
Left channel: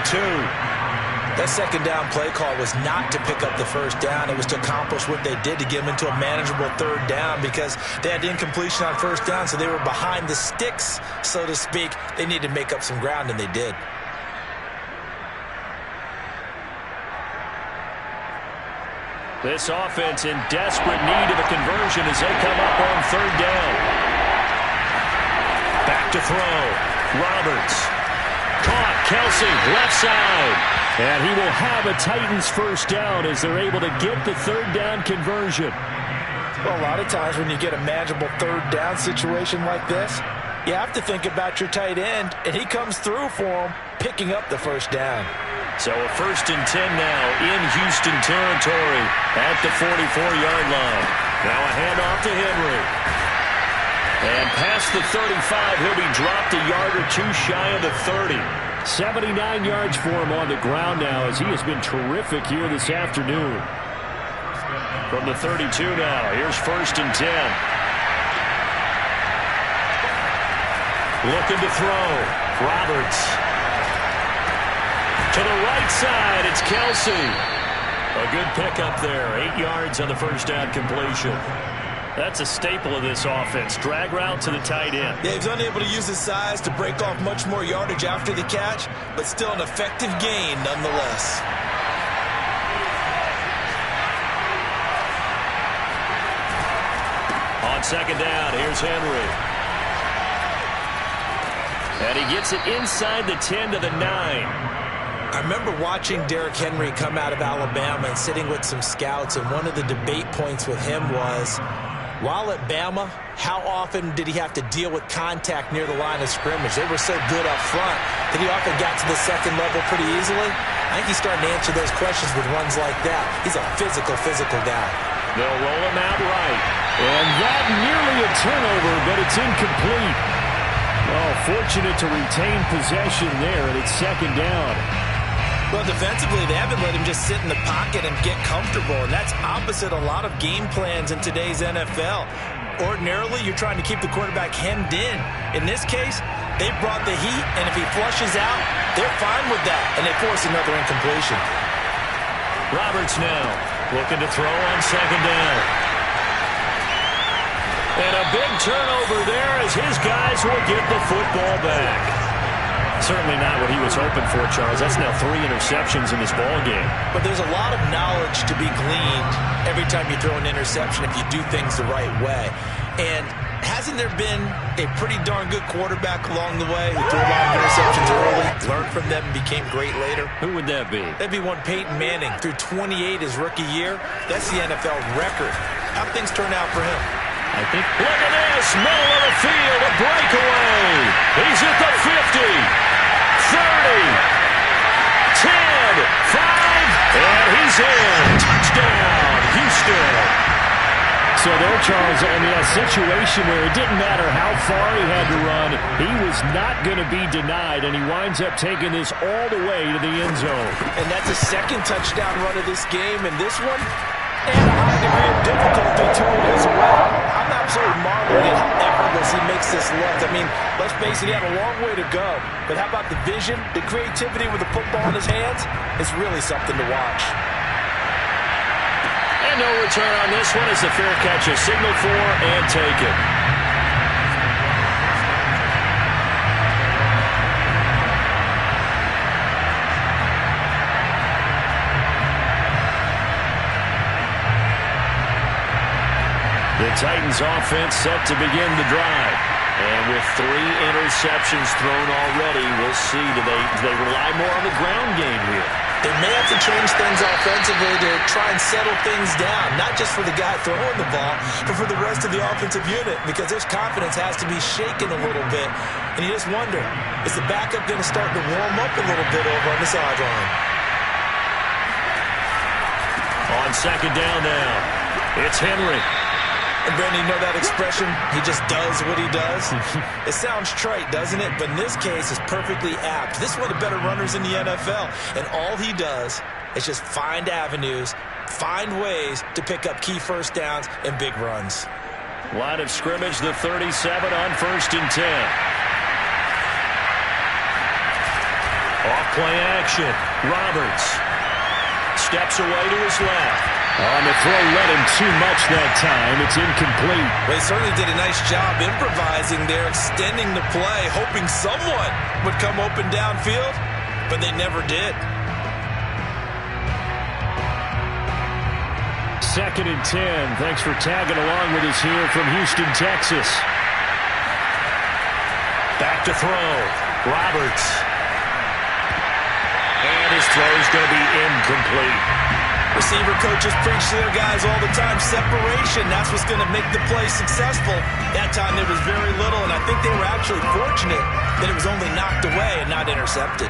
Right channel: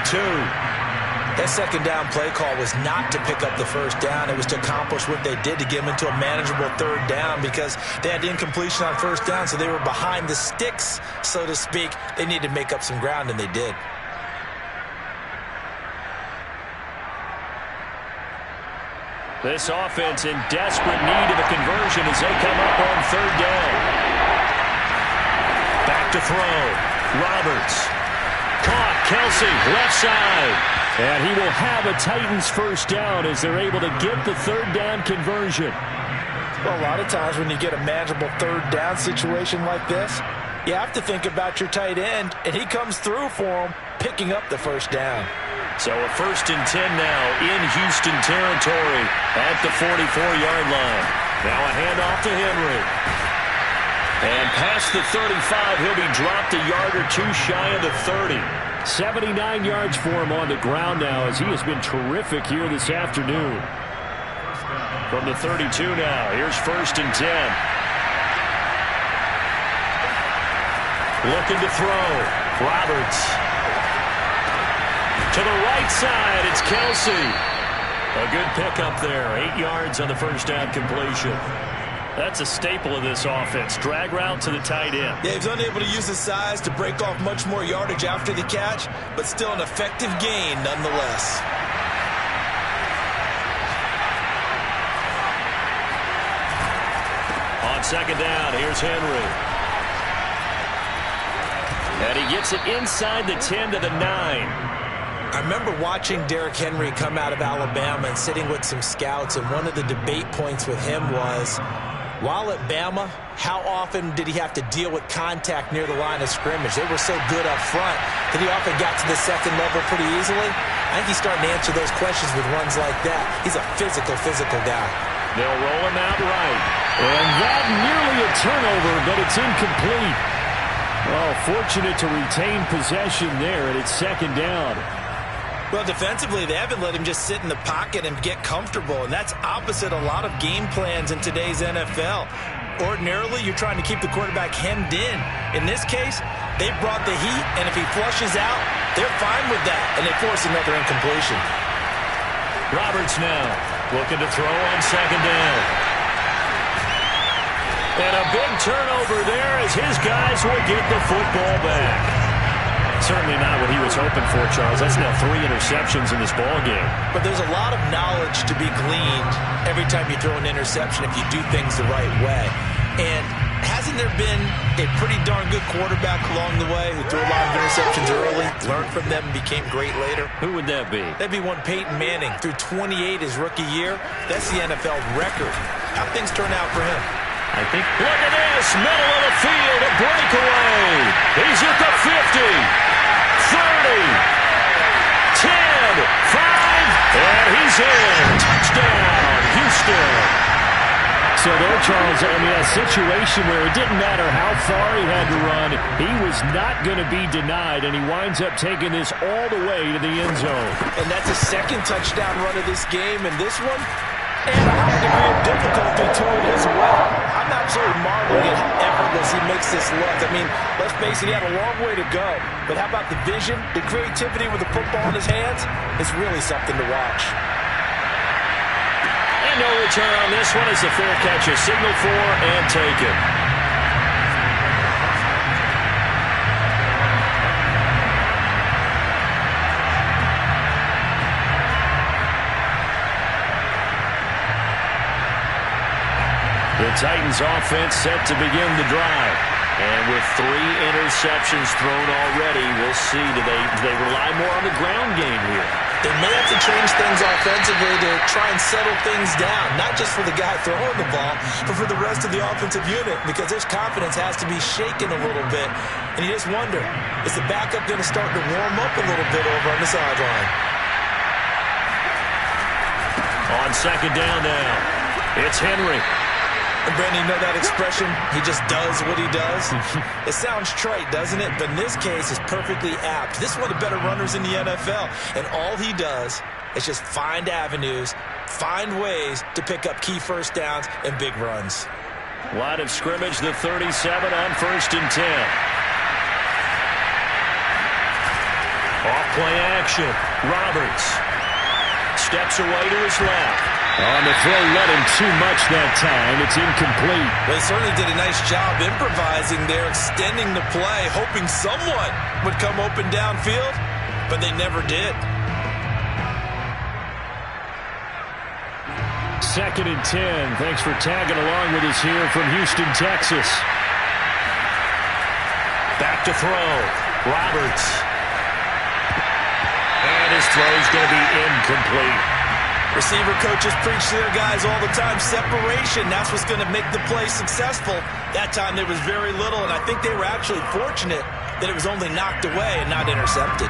That 2nd down play call was not to pick up the 1st down. It was to accomplish what they did to get them into a manageable 3rd down because they had incompletion on 1st down, so they were behind the sticks, so to speak. They needed to make up some ground, and they did. This offense in desperate need of a conversion as they come up on 3rd down. Back to throw. Roberts. Caught. Kelsey, left side. And he will have a Titans 1st down as they're able to get the 3rd down conversion. Well, a lot of times when you get a manageable 3rd down situation like this, you have to think about your tight end, and he comes through for him, picking up the 1st down. So a 1st and 10 now in Houston territory at the 44-yard line. Now a handoff to Henry. And past the 35, he'll be dropped a yard or 2 shy of the 30. 79 yards for him on the ground now as he has been terrific here this afternoon. From the 32 now, here's 1st and 10. Looking to throw. Roberts. To the right side, it's Kelsey. A good pickup there. 8 yards on the 1st down completion. That's a staple of this offense. Drag route to the tight end. Yeah, he's unable to use his size to break off much more yardage after the catch, but still an effective gain nonetheless. On second down, here's Henry. And he gets it inside the 10 to the 9. I remember watching Derrick Henry come out of Alabama and sitting with some scouts, and one of the debate points with him was, while at Bama, how often did he have to deal with contact near the line of scrimmage? They were so good up front that he often got to the second level pretty easily. I think he's starting to answer those questions with runs like that. He's a physical guy. They'll roll him out right. And that nearly a turnover, but it's incomplete. Well, fortunate to retain possession there, and it's second down. Well, defensively, they haven't let him just sit in the pocket and get comfortable, and that's opposite a lot of game plans in today's NFL. Ordinarily, you're trying to keep the quarterback hemmed in. In this case, they brought the heat, and if he flushes out, they're fine with that, and they force another incompletion. Roberts now looking to throw on second down. And a big turnover there as his guys will get the football back. Certainly not what he was hoping for, Charles. That's now 3 interceptions in this ball game. But there's a lot of knowledge to be gleaned every time you throw an interception if you do things the right way. And hasn't there been a pretty darn good quarterback along the way who threw a lot of interceptions early, learned from them, and became great later? Who would that be? That'd be one Peyton Manning. Threw 28 his rookie year. That's the NFL record. How'd things turn out for him? I think. Look at this. Middle of the field. A breakaway. He's at the 50. 30. 10. 5. And he's in. Touchdown. Houston. So there, Charles, I mean, a situation where it didn't matter how far he had to run, he was not going to be denied, and he winds up taking this all the way to the end zone. And that's a second touchdown run of this game, and this one, and a high degree of difficulty to it as well. I'm absolutely marveling at how effortless he makes this look. I mean, let's face it, he had a long way to go. But how about the vision, the creativity with the football in his hands? It's really something to watch. And no return on this one as the fair catch is signaled for and taken. The Titans offense set to begin the drive. And with 3 interceptions thrown already, we'll see, do they rely more on the ground game here? They may have to change things offensively to try and settle things down, not just for the guy throwing the ball, but for the rest of the offensive unit, because his confidence has to be shaken a little bit. And you just wonder, is the backup going to start to warm up a little bit over on the sideline? On second down now, it's Henry. And Brandon, you know that expression, he just does what he does? It sounds trite, doesn't it? But in this case, it's perfectly apt. This is one of the better runners in the NFL, and all he does is just find avenues, find ways to pick up key first downs and big runs. Line of scrimmage, the 37 on 1st and 10. Off play action, Roberts steps away to his left. On the throw, let him too much that time. It's incomplete. Well, he certainly did a nice job improvising there, extending the play, hoping someone would come open downfield, but they never did. 2nd and 10. Thanks for tagging along with us here from Houston, Texas. Back to throw. Roberts. And his throw's going to be incomplete. Receiver coaches preach to their guys all the time. Separation, that's what's going to make the play successful. That time there was very little, and I think they were actually fortunate that it was only knocked away and not intercepted.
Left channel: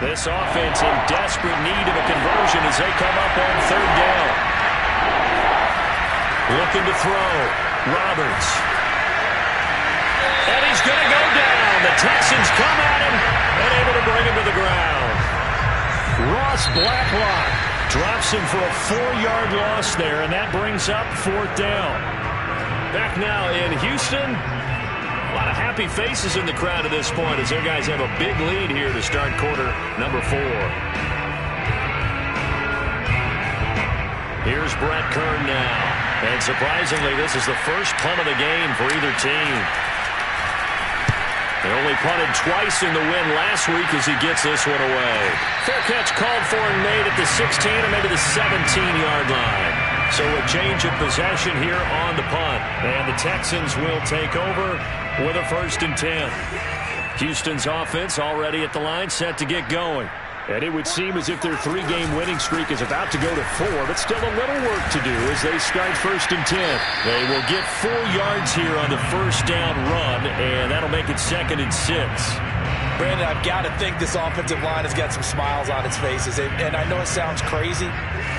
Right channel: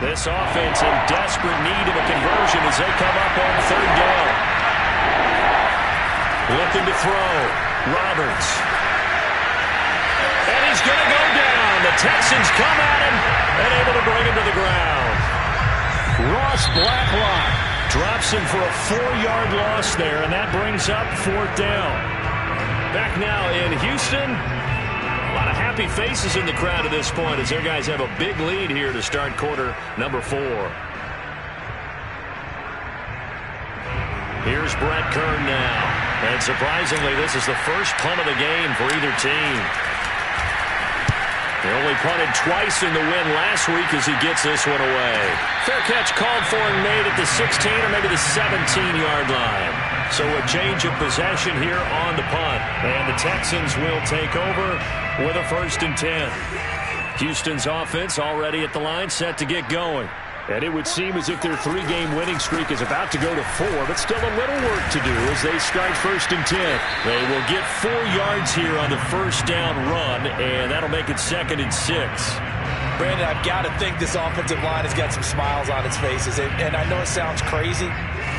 This offense in desperate need of a conversion as they come up on 3rd down. Looking to throw. Roberts. And he's going to go down. The Texans come at him and able to bring him to the ground. Ross Blacklock drops him for a 4-yard loss there, and that brings up 4th down. Back now in Houston. A lot of happy faces in the crowd at this point as their guys have a big lead here to start quarter number 4. Here's Brett Kern now. And surprisingly, this is the first punt of the game for either team. They only punted twice in the win last week as he gets this one away. Fair catch called for and made at the 16 or maybe the 17-yard line. So a change of possession here on the punt. And the Texans will take over with a 1st and 10. Houston's offense already at the line, set to get going. And it would seem as if their 3-game winning streak is about to go to 4, but still a little work to do as they start 1st and 10. They will get 4 yards here on the 1st down run, and that'll make it 2nd and 6. Brandon, I've got to think this offensive line has got some smiles on its faces. And I know it sounds crazy,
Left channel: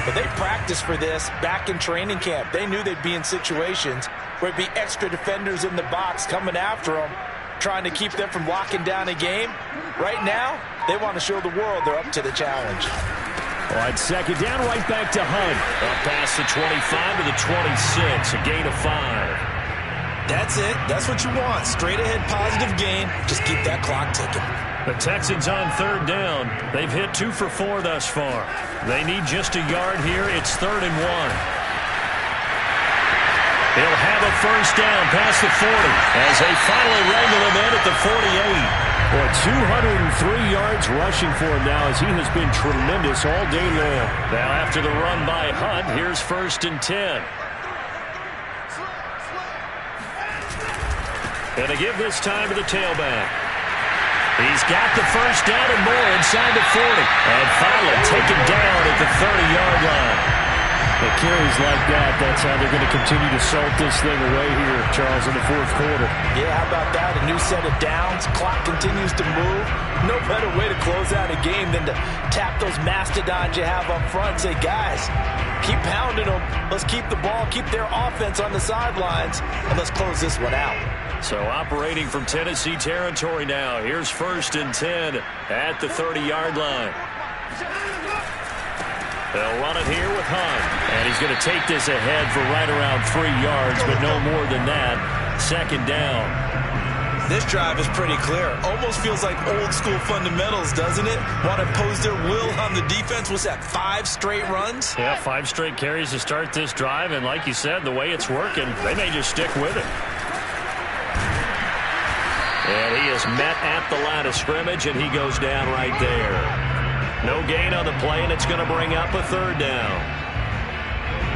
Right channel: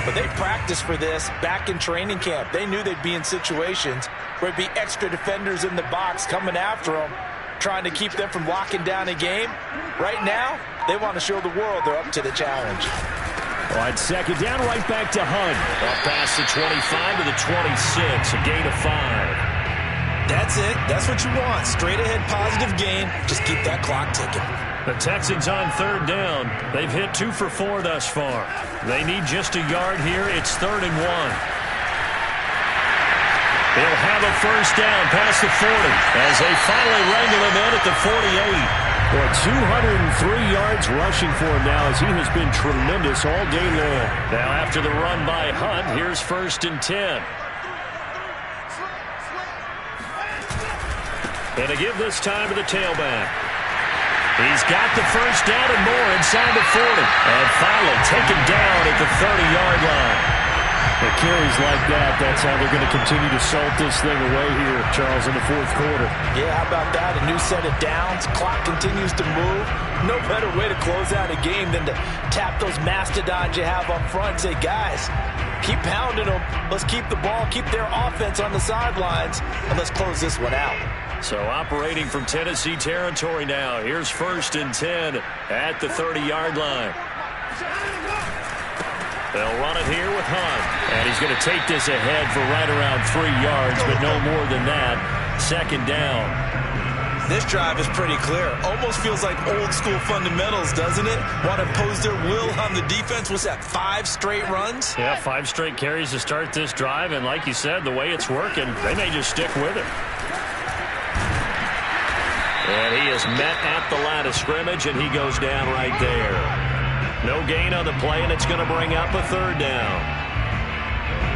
but they practiced for this back in training camp. They knew they'd be in situations where it'd be extra defenders in the box coming after them, trying to keep them from locking down a game. Right now, they want to show the world they're up to the challenge. On 2nd down, right back to Hunt. Up past the 25 to the 26, a gain of 5. That's it. That's what you want. Straight ahead positive gain. Just keep that clock ticking. The Texans on 3rd down. They've hit 2 for 4 thus far. They need just a yard here. It's 3rd and 1. They'll have a 1st down past the 40 as they finally wrangle him in at the 48. Well, 203 yards rushing for him now as he has been tremendous all day long. Now after the run by Hunt, here's 1st and 10. And to give this time to the tailback. He's got the 1st down and more inside the 40. And finally taken down at the 30-yard line. It carries like that. That's how they're going to continue to salt this thing away here, Charles, in the 4th quarter. Yeah, how about that? A new set of downs. Clock continues to move. No better way to close out a game than to tap those mastodons you have up front and say, guys, keep pounding them. Let's keep the ball, keep their offense on the sidelines, and let's close this one out. So operating from Tennessee territory now. Here's 1st and 10 at the 30-yard line. They'll run it here with Hunt. And he's going to take this ahead for right around 3 yards, but no more than that. 2nd down. This drive is pretty clear. Almost feels like old school fundamentals, doesn't it? Want to impose their will on the defense. What's that, 5 straight runs? Yeah, 5 straight carries to start this drive. And like you said, the way it's working, they may just stick with it. And he is met at the line of scrimmage, and he goes down right there. No gain on the play, and it's going to bring up a 3rd down.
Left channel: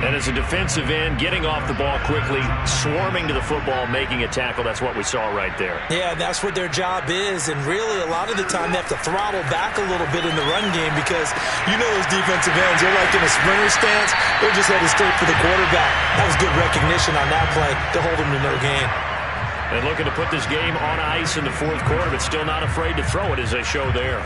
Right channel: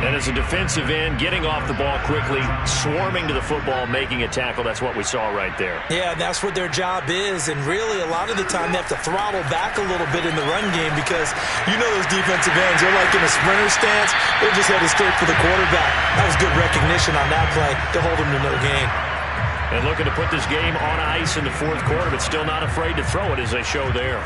And as a defensive end, getting off the ball quickly, swarming to the football, making a tackle, that's what we saw right there. Yeah, that's what their job is. And really, a lot of the time, they have to throttle back a little bit in the run game because you know those defensive ends, they're like in a sprinter stance. They're just headed straight for the quarterback. That was good recognition on that play to hold them to no gain. And looking to put this game on ice in the 4th quarter, but still not afraid to throw it as they show there.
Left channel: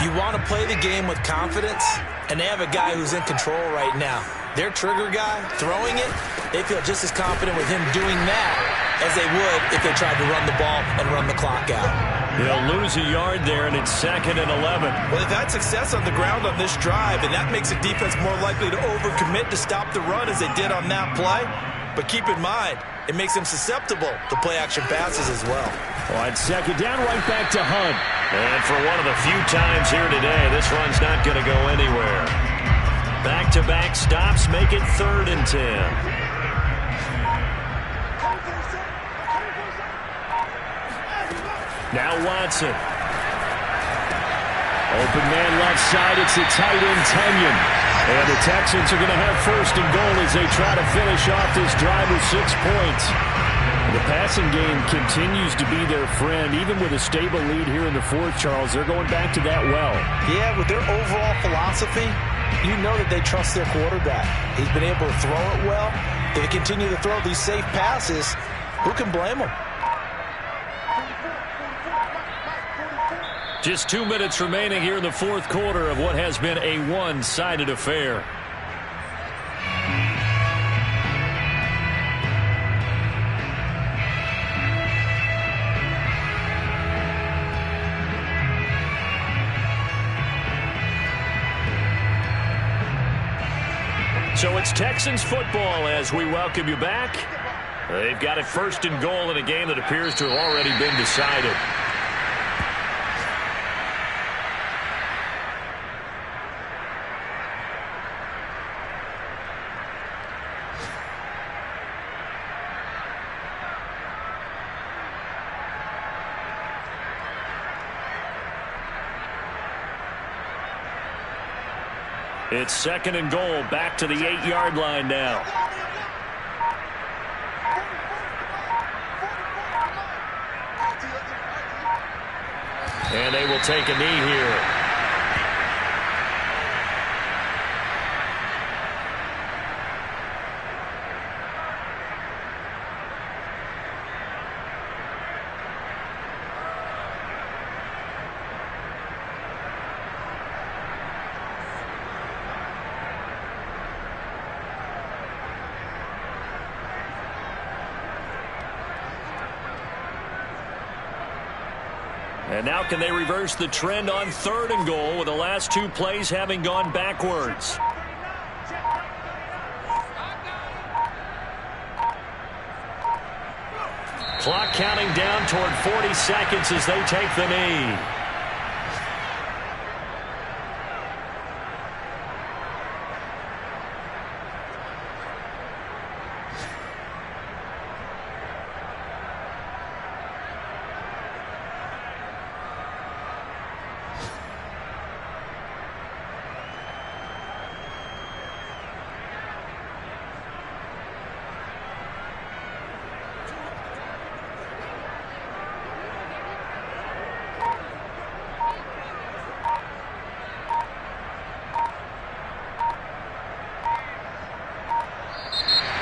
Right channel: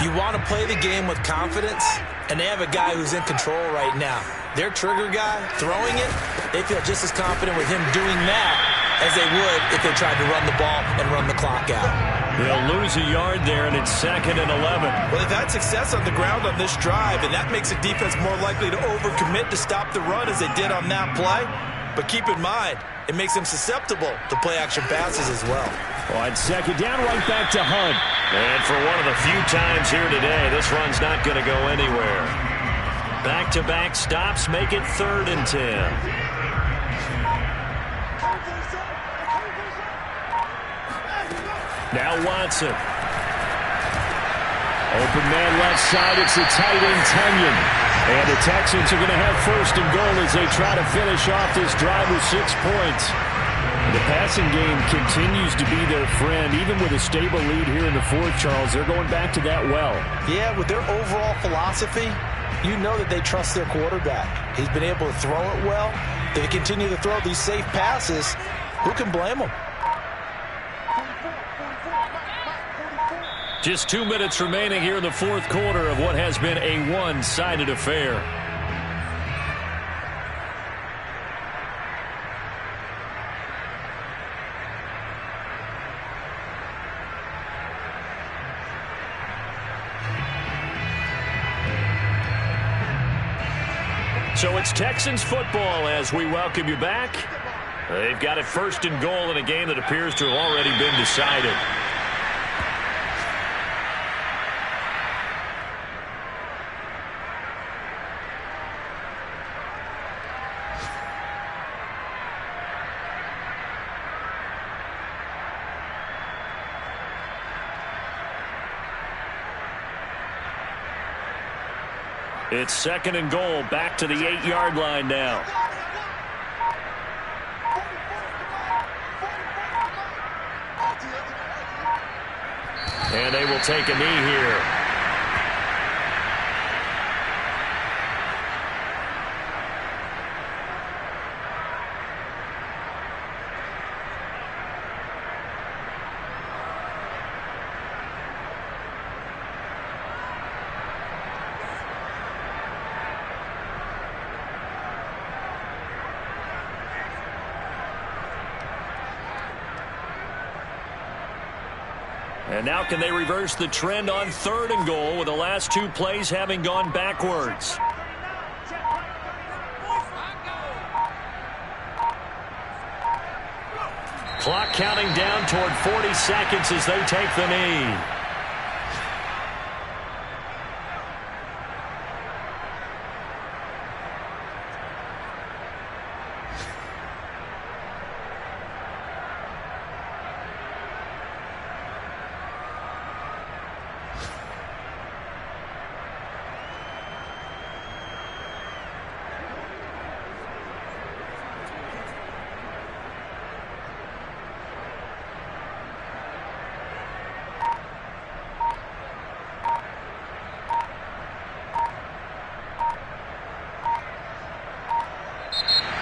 You want to play the game with confidence, and they have a guy who's in control right now. Their trigger guy, throwing it, they feel just as confident with him doing that as they would if they tried to run the ball and run the clock out. They'll lose a yard there, and it's 2nd and 11. Well, they've had success on the ground on this drive, and that makes the defense more likely to overcommit to stop the run as they did on that play. But keep in mind, it makes them susceptible to play-action passes as well. On 2nd down, right back to Hunt. And for one of the few times here today, this run's not going to go anywhere. Back-to-back stops make it 3rd and 10. Now Watson. Open man left side, it's the tight end Tunyon. And the Texans are going to have 1st and goal as they try to finish off this drive with 6 points. The passing game continues to be their friend. Even with a stable lead here in the 4th, Charles, they're going back to that well. Yeah, with their overall philosophy, you know that they trust their quarterback. He's been able to throw it well. They continue to throw these safe passes. Who can blame them? Just 2 minutes remaining here in the 4th quarter of what has been a one-sided affair. So it's Texans football as we welcome you back. They've got it 1st and goal in a game that appears to have already been decided. It's 2nd and goal, back to the 8-yard line now. And they will take a knee here. And now can they reverse the trend on 3rd and goal with the last 2 plays having gone backwards? Clock counting down toward 40 seconds as they take the knee.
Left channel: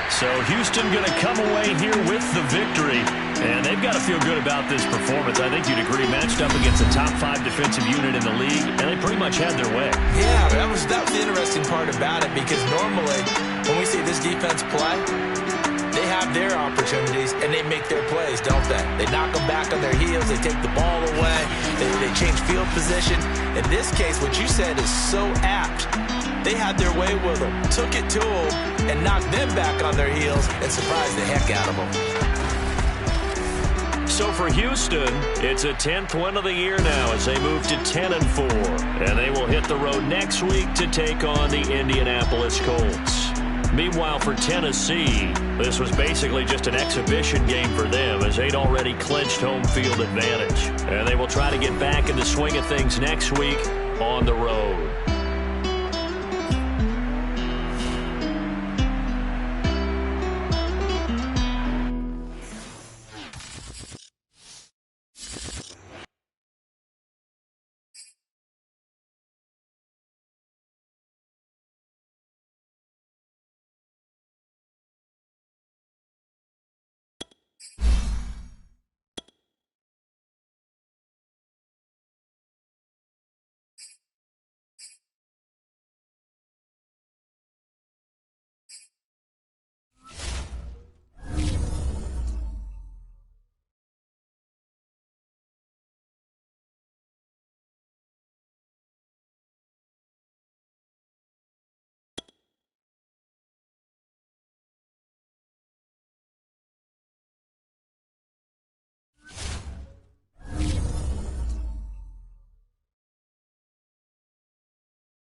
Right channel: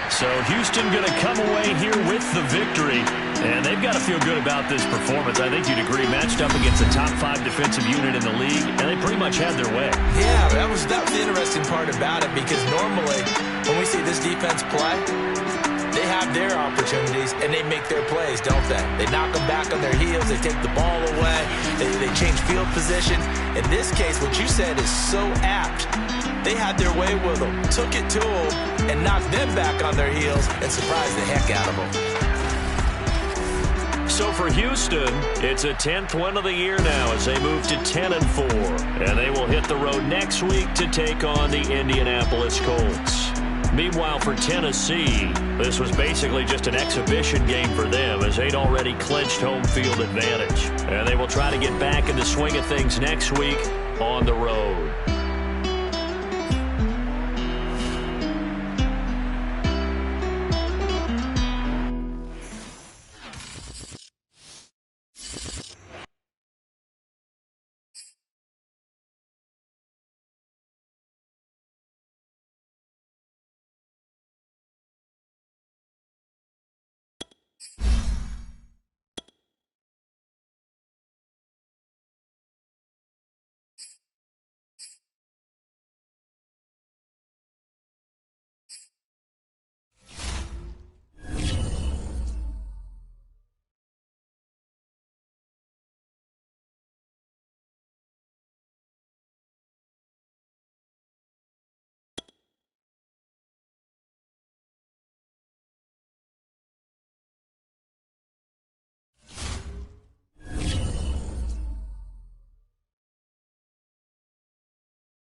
So Houston going to come away here with the victory. And they've got to feel good about this performance. I think you'd agree, matched up against a top 5 defensive unit in the league, and they pretty much had their way. Yeah, that was the interesting part about it, because normally when we see this defense play, they have their opportunities and they make their plays, don't they? They knock them back on their heels. They take the ball away. They change field position. In this case, what you said is so apt. They had their way with them, took it to them, and knocked them back on their heels and surprised the heck out of them. So for Houston, it's a 10th win of the year now as they move to 10-4. And they will hit the road next week to take on the Indianapolis Colts. Meanwhile, for Tennessee, this was basically just an exhibition game for them as they'd already clinched home field advantage. And they will try to get back in the swing of things next week on the road.